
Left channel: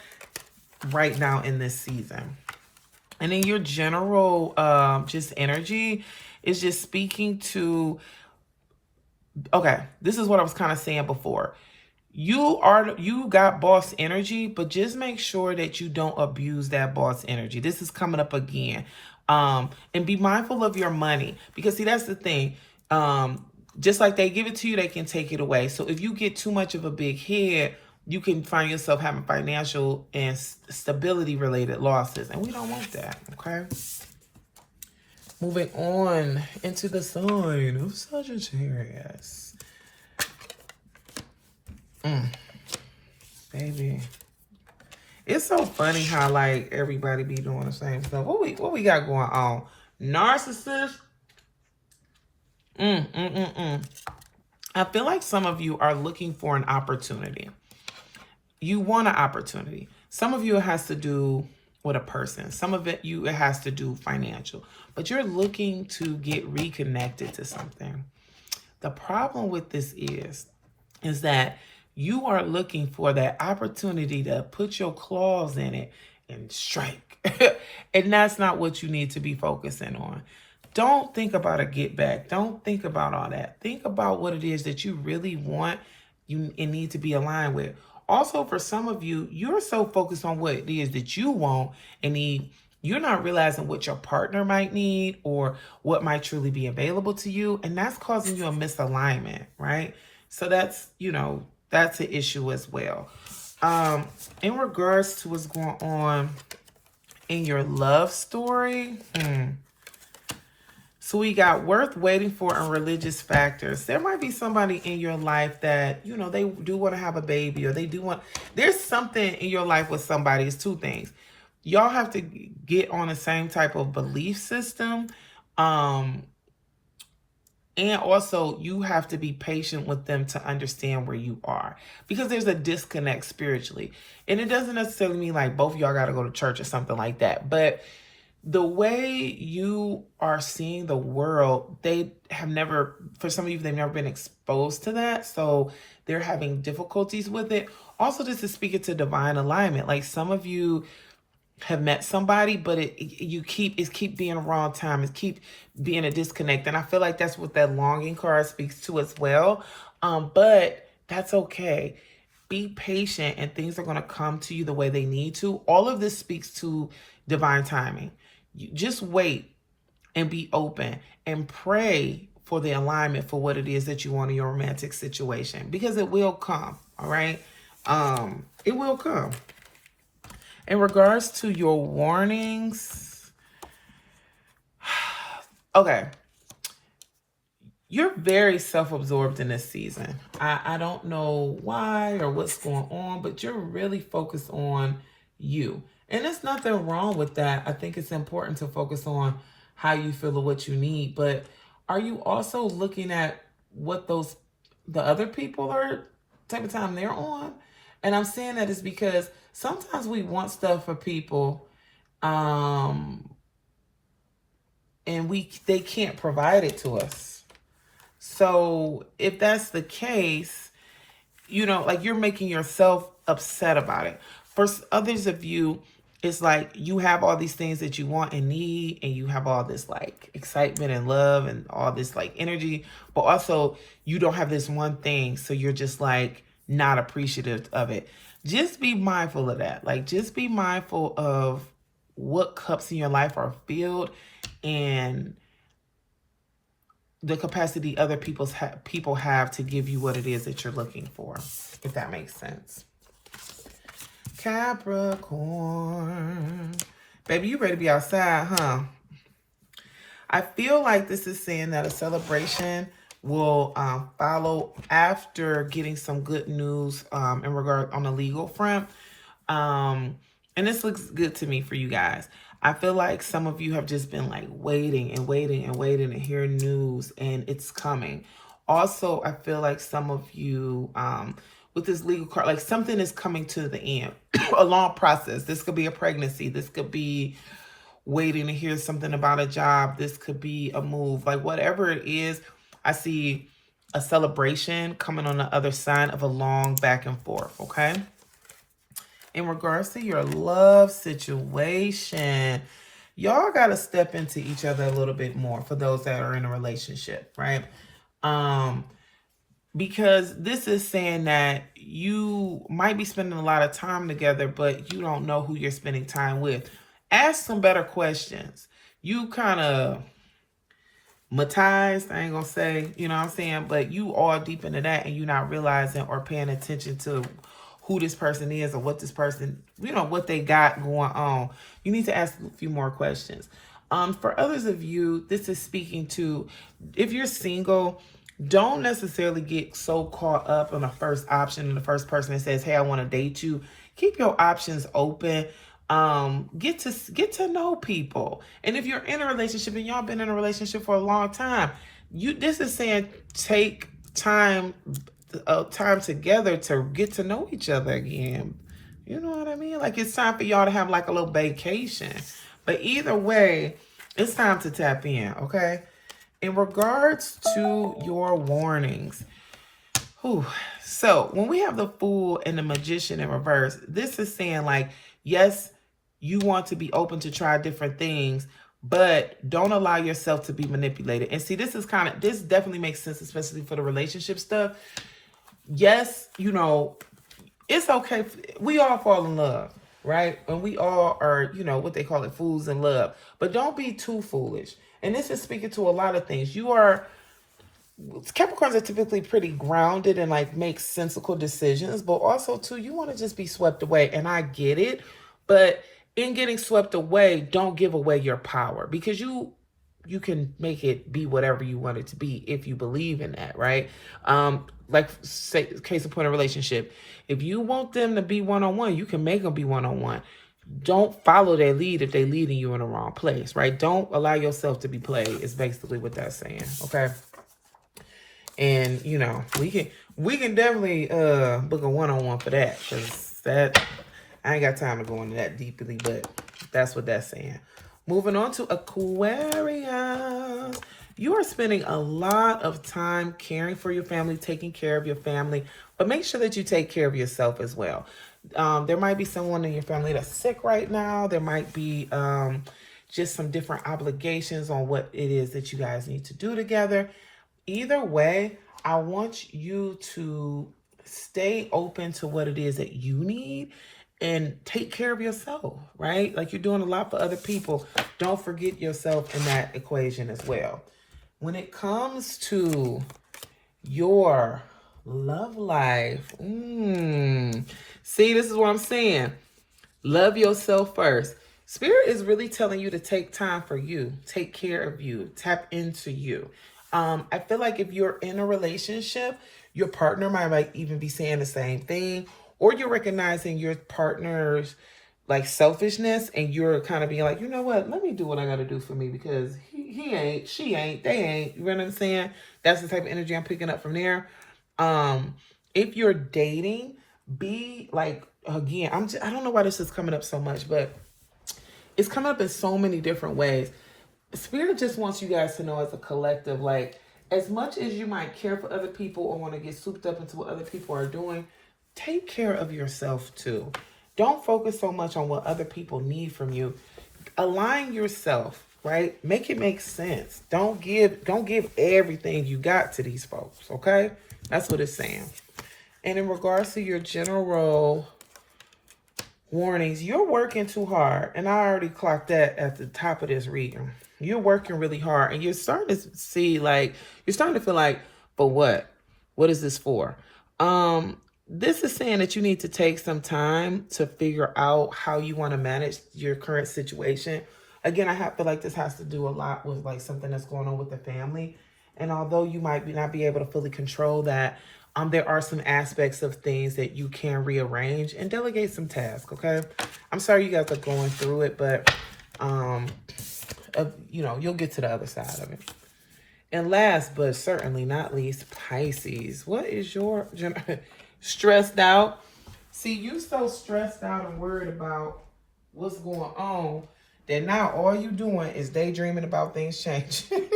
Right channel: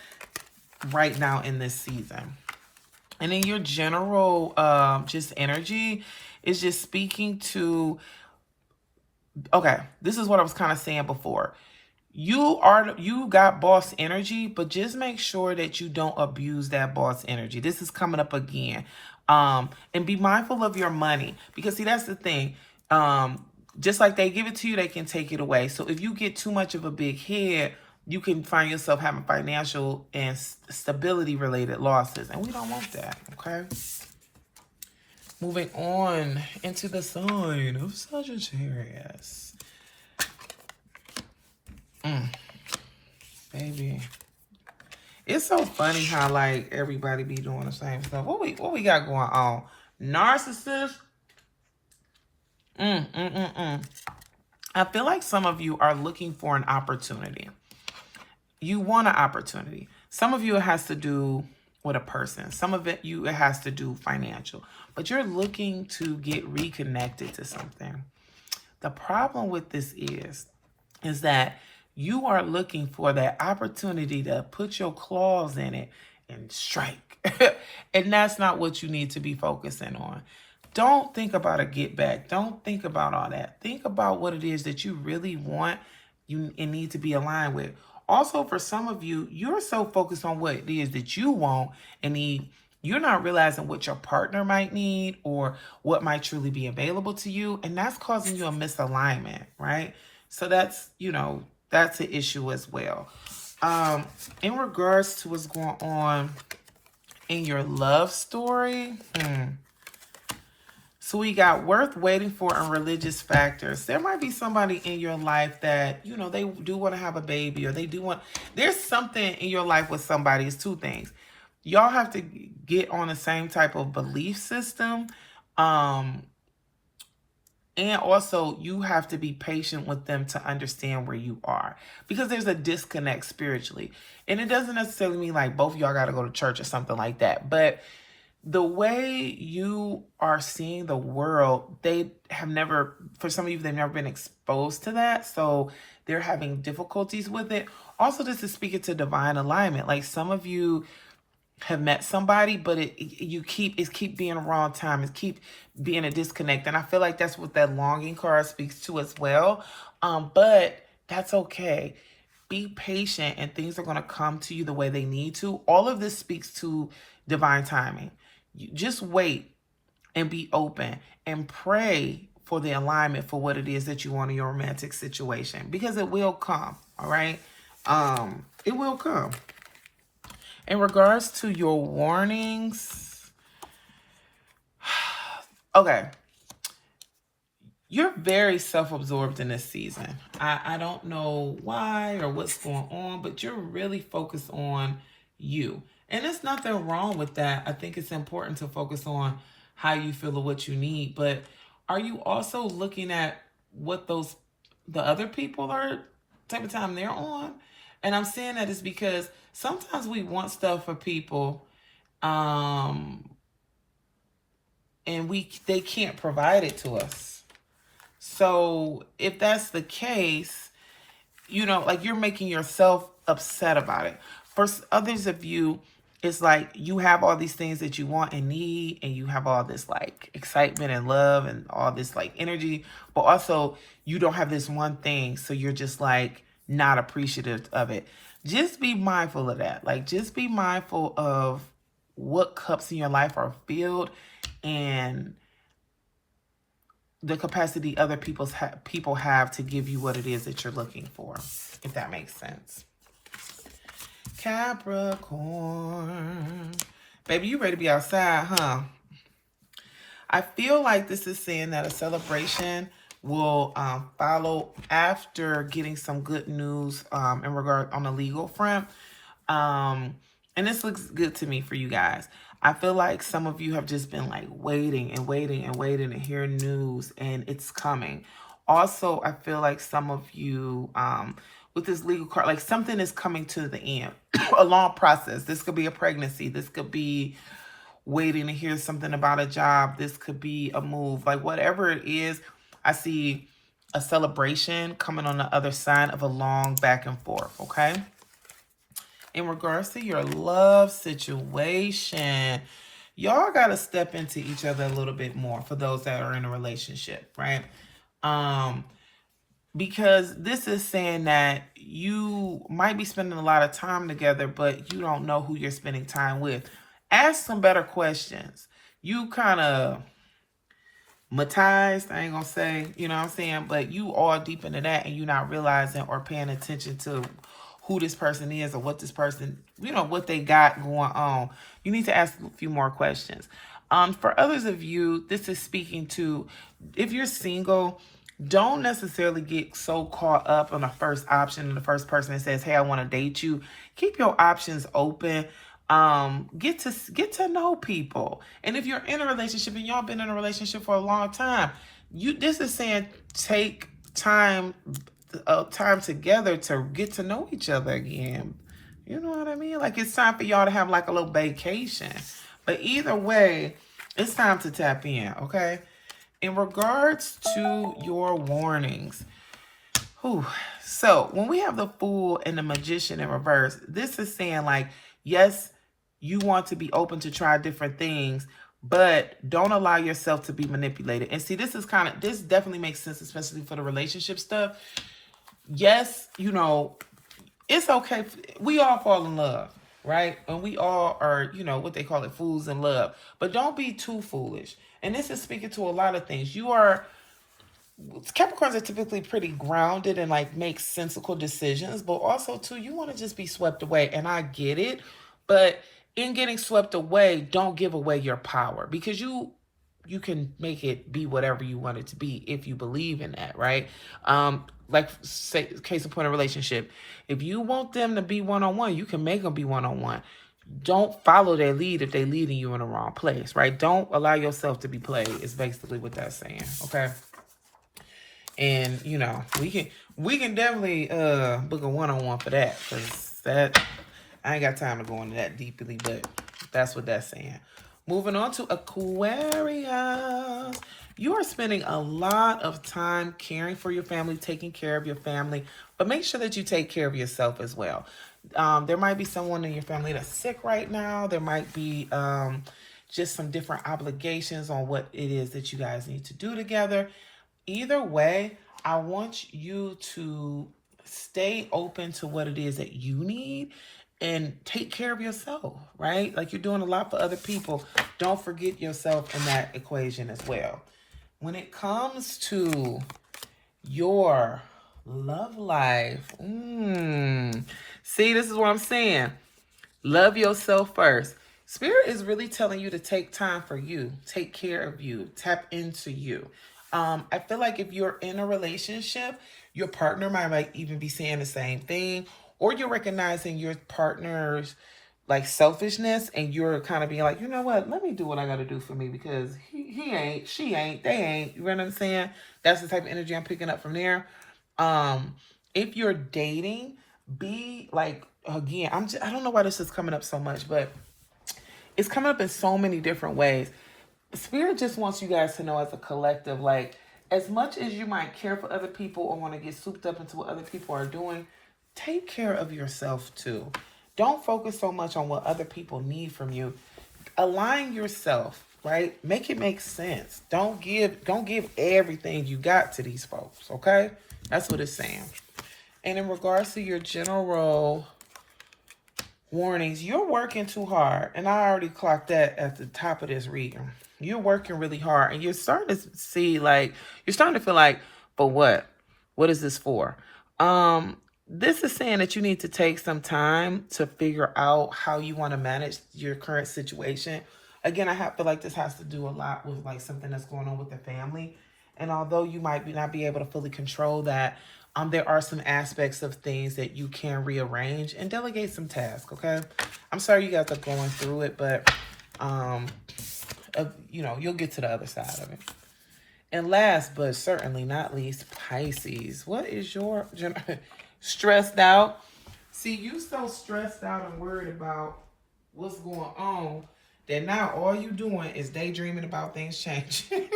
right now in this season. And then your general just energy is just speaking to, okay, this is what I was kind of saying before. You got boss energy, but just make sure that you don't abuse that boss energy. This is coming up again. And be mindful of your money, because see, that's the thing. Just like they give it to you, they can take it away. So if you get too much of a big head, you can find yourself having financial and stability related losses. And we don't want that, okay? Moving on into the sign of Sagittarius. Baby. It's so funny how like everybody be doing the same stuff. What we got going on? Narcissist. I feel like some of you are looking for an opportunity. You want an opportunity. Some of you, it has to do with a person. Some of it has to do financial. But you're looking to get reconnected to something. The problem with this is that you are looking for that opportunity to put your claws in it and strike. And that's not what you need to be focusing on. Don't think about a get back. Don't think about all that. Think about what it is that you really want and need to be aligned with. Also, for some of you, you're so focused on what it is that you want and need, you're not realizing what your partner might need or what might truly be available to you. And that's causing you a misalignment, right? So that's, that's an issue as well. In regards to what's going on in your love story, so we got worth waiting for and religious factors. There might be somebody in your life that, they do want to have a baby, or they do want, there's something in your life with somebody. It's two things. Y'all have to get on the same type of belief system. And also you have to be patient with them to understand where you are, because there's a disconnect spiritually. And it doesn't necessarily mean like both of y'all got to go to church or something like that. But the way you are seeing the world, they have never, for some of you, they've never been exposed to that. So they're having difficulties with it. Also, this is speaking to divine alignment. Like some of you have met somebody, but it keep being a wrong time. It keep being a disconnect. And I feel like that's what that longing card speaks to as well. But that's okay. Be patient and things are going to come to you the way they need to. All of this speaks to divine timing. You just wait and be open and pray for the alignment for what it is that you want in your romantic situation, because it will come. All right. It will come. In regards to your warnings, okay, you're very self-absorbed in this season. I don't know why or what's going on, but you're really focused on you. And there's nothing wrong with that. I think it's important to focus on how you feel or what you need. But are you also looking at what the other people are, type of time they're on? And I'm saying that is because sometimes we want stuff for people, and they can't provide it to us. So if that's the case, like you're making yourself upset about it. For others of you, it's like you have all these things that you want and need, and you have all this like excitement and love and all this like energy, but also you don't have this one thing. So you're just like not appreciative of it. Just be mindful of that. Like, just be mindful of what cups in your life are filled and the capacity other people have to give you what it is that you're looking for, if that makes sense. Capricorn. Baby, you ready to be outside, huh? I feel like this is saying that a celebration will follow after getting some good news in regard on the legal front. And this looks good to me for you guys. I feel like some of you have just been like waiting and waiting and waiting to hear news, and it's coming. Also, I feel like some of you, with this legal card, like something is coming to the end, a long process. This could be a pregnancy. This could be waiting to hear something about a job. This could be a move, like whatever it is. I see a celebration coming on the other side of a long back and forth. Okay. In regards to your love situation, y'all got to step into each other a little bit more for those that are in a relationship, right? Because this is saying that you might be spending a lot of time together, but you don't know who you're spending time with. Ask some better questions. You kind of matized, I ain't gonna say, you know what I'm saying, but you all deep into that and you're not realizing or paying attention to who this person is or what this person, you know, what they got going on. You need to ask a few more questions. For others of you, this is speaking to, if you're single, don't necessarily get so caught up on the first option and the first person that says, hey, I want to date you. Keep your options open. Get to know people. And if you're in a relationship and y'all been in a relationship for a long time, this is saying take time together to get to know each other again. You know what I mean? Like it's time for y'all to have like a little vacation. But either way, it's time to tap in, okay? In regards to your warnings, so when we have the Fool and the Magician in reverse, this is saying like, yes, you want to be open to try different things, but don't allow yourself to be manipulated. And see, this definitely makes sense, especially for the relationship stuff. Yes, you know, it's okay. We all fall in love, right? And we all are, you know, what they call it, fools in love. But don't be too foolish. And this is speaking to a lot of things. Capricorns are typically pretty grounded and like make sensible decisions, but also too, you want to just be swept away. And I get it, but in getting swept away, don't give away your power, because you can make it be whatever you want it to be if you believe in that, right? Like say, case in point, a relationship. If you want them to be one-on-one, you can make them be one-on-one. Don't follow their lead if they're leading you in the wrong place, right? Don't allow yourself to be played is basically what that's saying, okay? And, you know, we can definitely book a one-on-one for that, because I ain't got time to go into that deeply, but that's what that's saying. Moving on to Aquarius. You are spending a lot of time caring for your family, taking care of your family, but make sure that you take care of yourself as well. There might be someone in your family that's sick right now. There might be just some different obligations on what it is that you guys need to do together. Either way, I want you to stay open to what it is that you need and take care of yourself, right? Like you're doing a lot for other people. Don't forget yourself in that equation as well. When it comes to your love life, see, this is what I'm saying. Love yourself first. Spirit is really telling you to take time for you, take care of you, tap into you. I feel like if you're in a relationship, your partner might even be saying the same thing, or you're recognizing your partner's like selfishness and you're kind of being like, you know what, let me do what I got to do for me, because he ain't, she ain't, they ain't, you know what I'm saying? That's the type of energy I'm picking up from there. If you're dating, be like, again, I don't know why this is coming up so much, but it's coming up in so many different ways. Spirit just wants you guys to know as a collective, like, as much as you might care for other people or want to get souped up into what other people are doing, take care of yourself too. Don't focus so much on what other people need from you. Align yourself, right? Make it make sense. Don't give everything you got to these folks, okay? That's what it's saying. And in regards to your general warnings, you're working too hard. And I already clocked that at the top of this reading. You're working really hard and you're starting to see like, you're starting to feel like, but what? What is this for? this is saying that you need to take some time to figure out how you want to manage your current situation. Again, I feel like this has to do a lot with like something that's going on with the family. And although you might not be able to fully control that, there are some aspects of things that you can rearrange and delegate some tasks, okay? I'm sorry you guys are going through it, but, you know, you'll get to the other side of it. And last but certainly not least, Pisces. What is your stressed out? See, you so stressed out and worried about what's going on that now all you doing is daydreaming about things changing.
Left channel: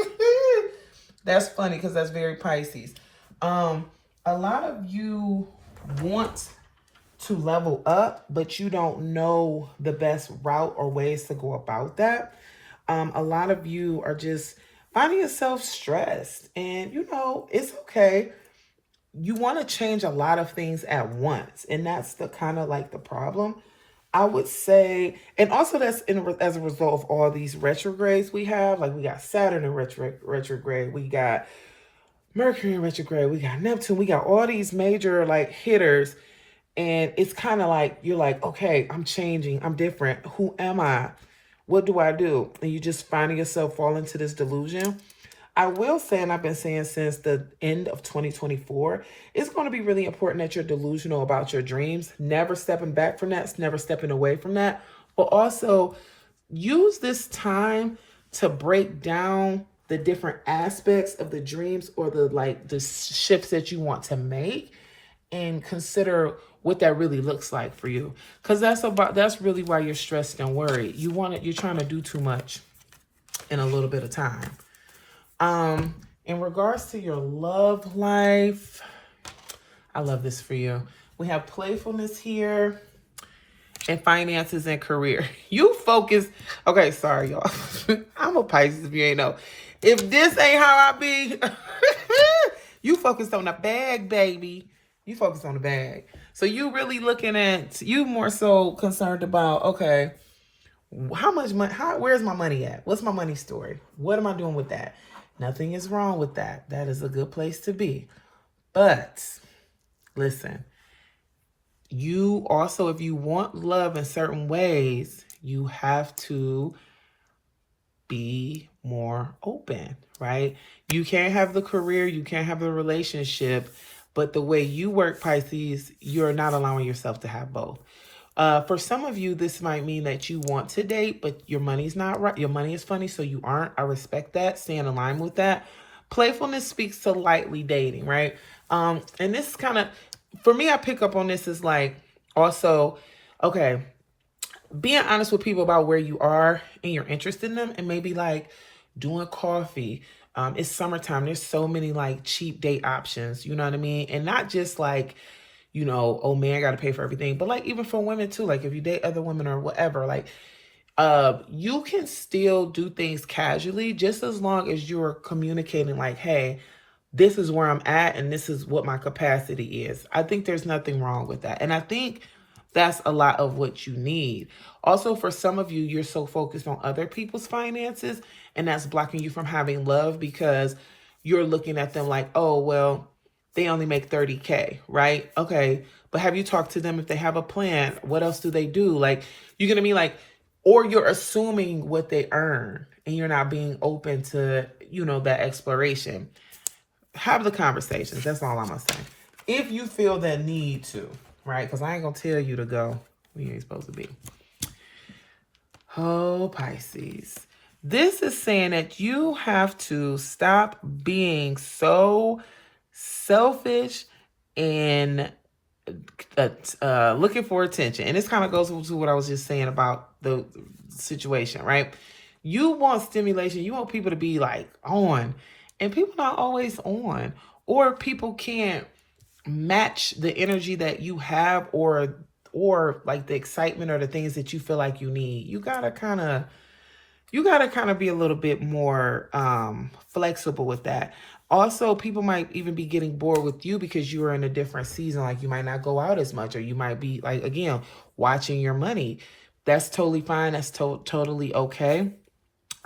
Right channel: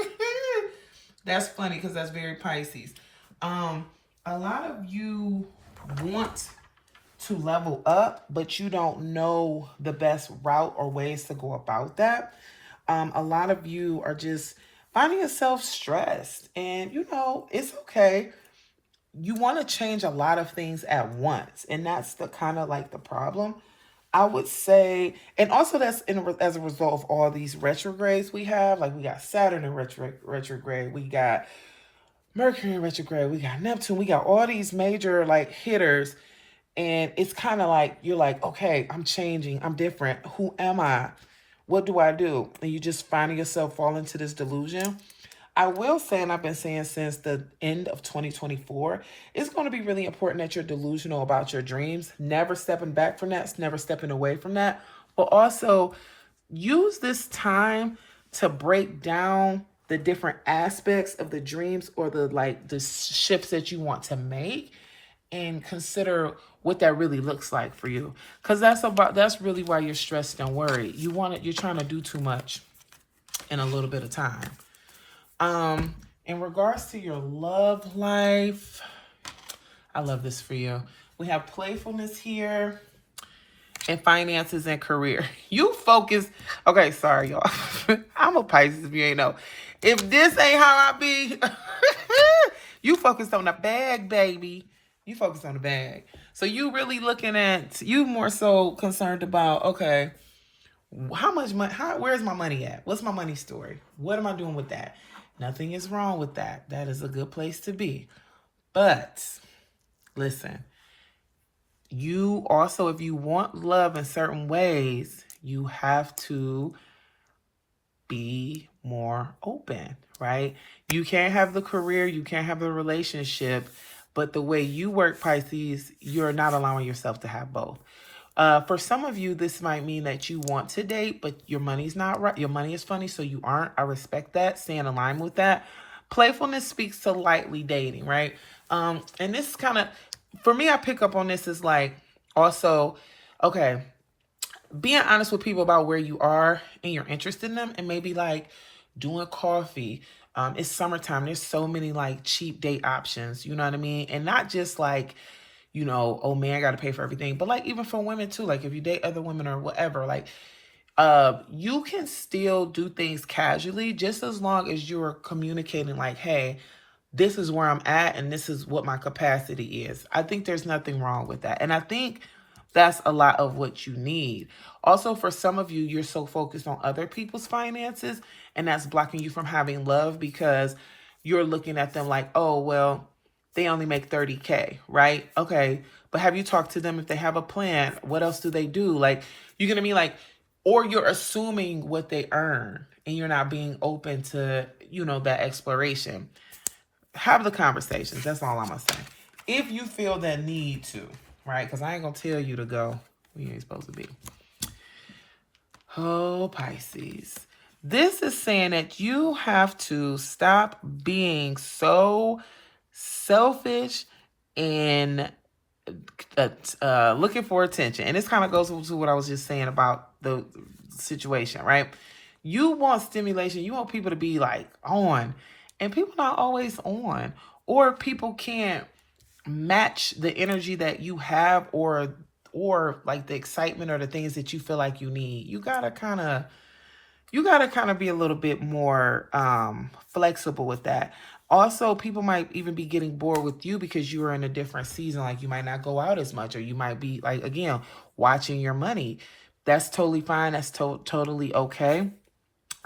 That's funny because that's very Pisces. A lot of you want to level up, but you don't know the best route or ways to go about that. A lot of you are just finding yourself stressed, and you know, it's okay. You want to change a lot of things at once, and that's the kind of like the problem, I would say. And also that's as a result of all these retrogrades we have. Like we got Saturn in retrograde, we got Mercury in retrograde, we got Neptune, we got all these major like hitters. And it's kind of like, you're like, okay, I'm changing, I'm different. Who am I? What do I do? And you just finding yourself fall into this delusion. I will say, and I've been saying since the end of 2024, it's going to be really important that you're delusional about your dreams, never stepping back from that, never stepping away from that, but also use this time to break down the different aspects of the dreams or the shifts that you want to make, and consider what that really looks like for you. Because that's really why you're stressed and worried. You're trying to do too much in a little bit of time. In regards to your love life, I love this for you. We have playfulness here and finances and career. You focus. Okay, sorry, y'all. I'm a Pisces if you ain't know. If this ain't how I be, you focused on the bag, baby. You focus on the bag. So you really looking at, you more so concerned about, okay, how much money, where's my money at? What's my money story? What am I doing with that? Nothing is wrong with that. That is a good place to be. But listen, you also, if you want love in certain ways, you have to be more open, right? You can't have the career, you can't have the relationship, but the way you work, Pisces, you're not allowing yourself to have both. For some of you, this might mean that you want to date, but your money's not right. Your money is funny, so you aren't. I respect that. Stay in line with that. Playfulness speaks to lightly dating, right? And this is kind of, for me, I pick up on this as like, also, okay, being honest with people about where you are and you're interested in them, and maybe like doing coffee. It's summertime. There's so many like cheap date options, you know what I mean? And not just like, you know, oh man, I got to pay for everything. But like even for women too, like if you date other women or whatever, like you can still do things casually just as long as you're communicating like, hey, this is where I'm at and this is what my capacity is. I think there's nothing wrong with that. And I think that's a lot of what you need. Also, for some of you, you're so focused on other people's finances, and that's blocking you from having love because you're looking at them like, oh, well, they only make 30K, right? Okay, but have you talked to them if they have a plan? What else do they do? Like, you're going to be like, or you're assuming what they earn, and you're not being open to, you know, that exploration. Have the conversations. That's all I'm going to say. If you feel that need to, right? Because I ain't going to tell you to go where you ain't supposed to be. Oh, Pisces. This is saying that you have to stop being so selfish and looking for attention. And this kind of goes to what I was just saying about the situation, right? You want stimulation. You want people to be like on. And people not always on. Or people can't match the energy that you have or like the excitement or the things that you feel like you need. You gotta kind of be a little bit more flexible with that. Also, people might even be getting bored with you because you are in a different season. Like you might not go out as much, or you might be like, again, watching your money. That's totally fine. That's totally okay.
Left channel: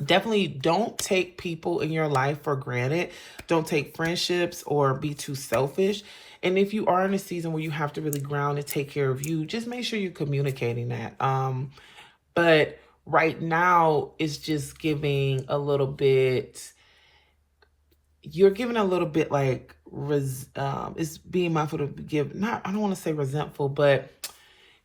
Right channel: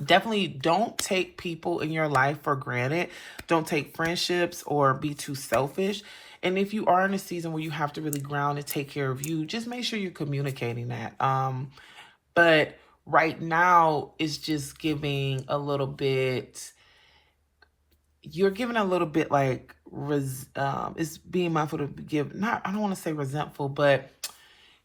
Definitely don't take people in your life for granted. Don't take friendships or be too selfish. And if you are in a season where you have to really ground and take care of you, just make sure you're communicating that. But right now, it's just giving a little bit, you're giving a little bit like, it's being mindful to give, not, I don't want to say resentful, but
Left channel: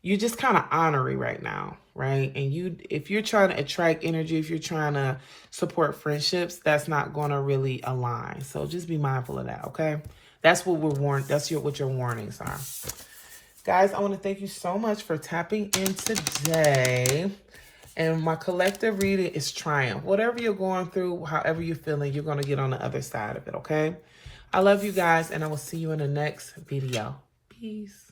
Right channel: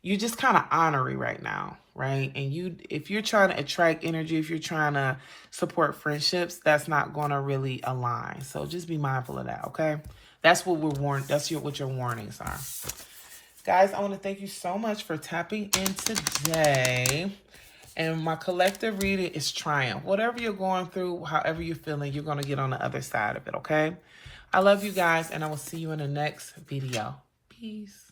you're just kind of honorary right now, right? And if you're trying to attract energy, if you're trying to support friendships, that's not going to really align. So just be mindful of that, okay? That's what we're warned. That's what your warnings are. Guys, I want to thank you so much for tapping in today. And my collective reading is triumph. Whatever you're going through, however you're feeling, you're going to get on the other side of it, okay? I love you guys, and I will see you in the next video. Peace.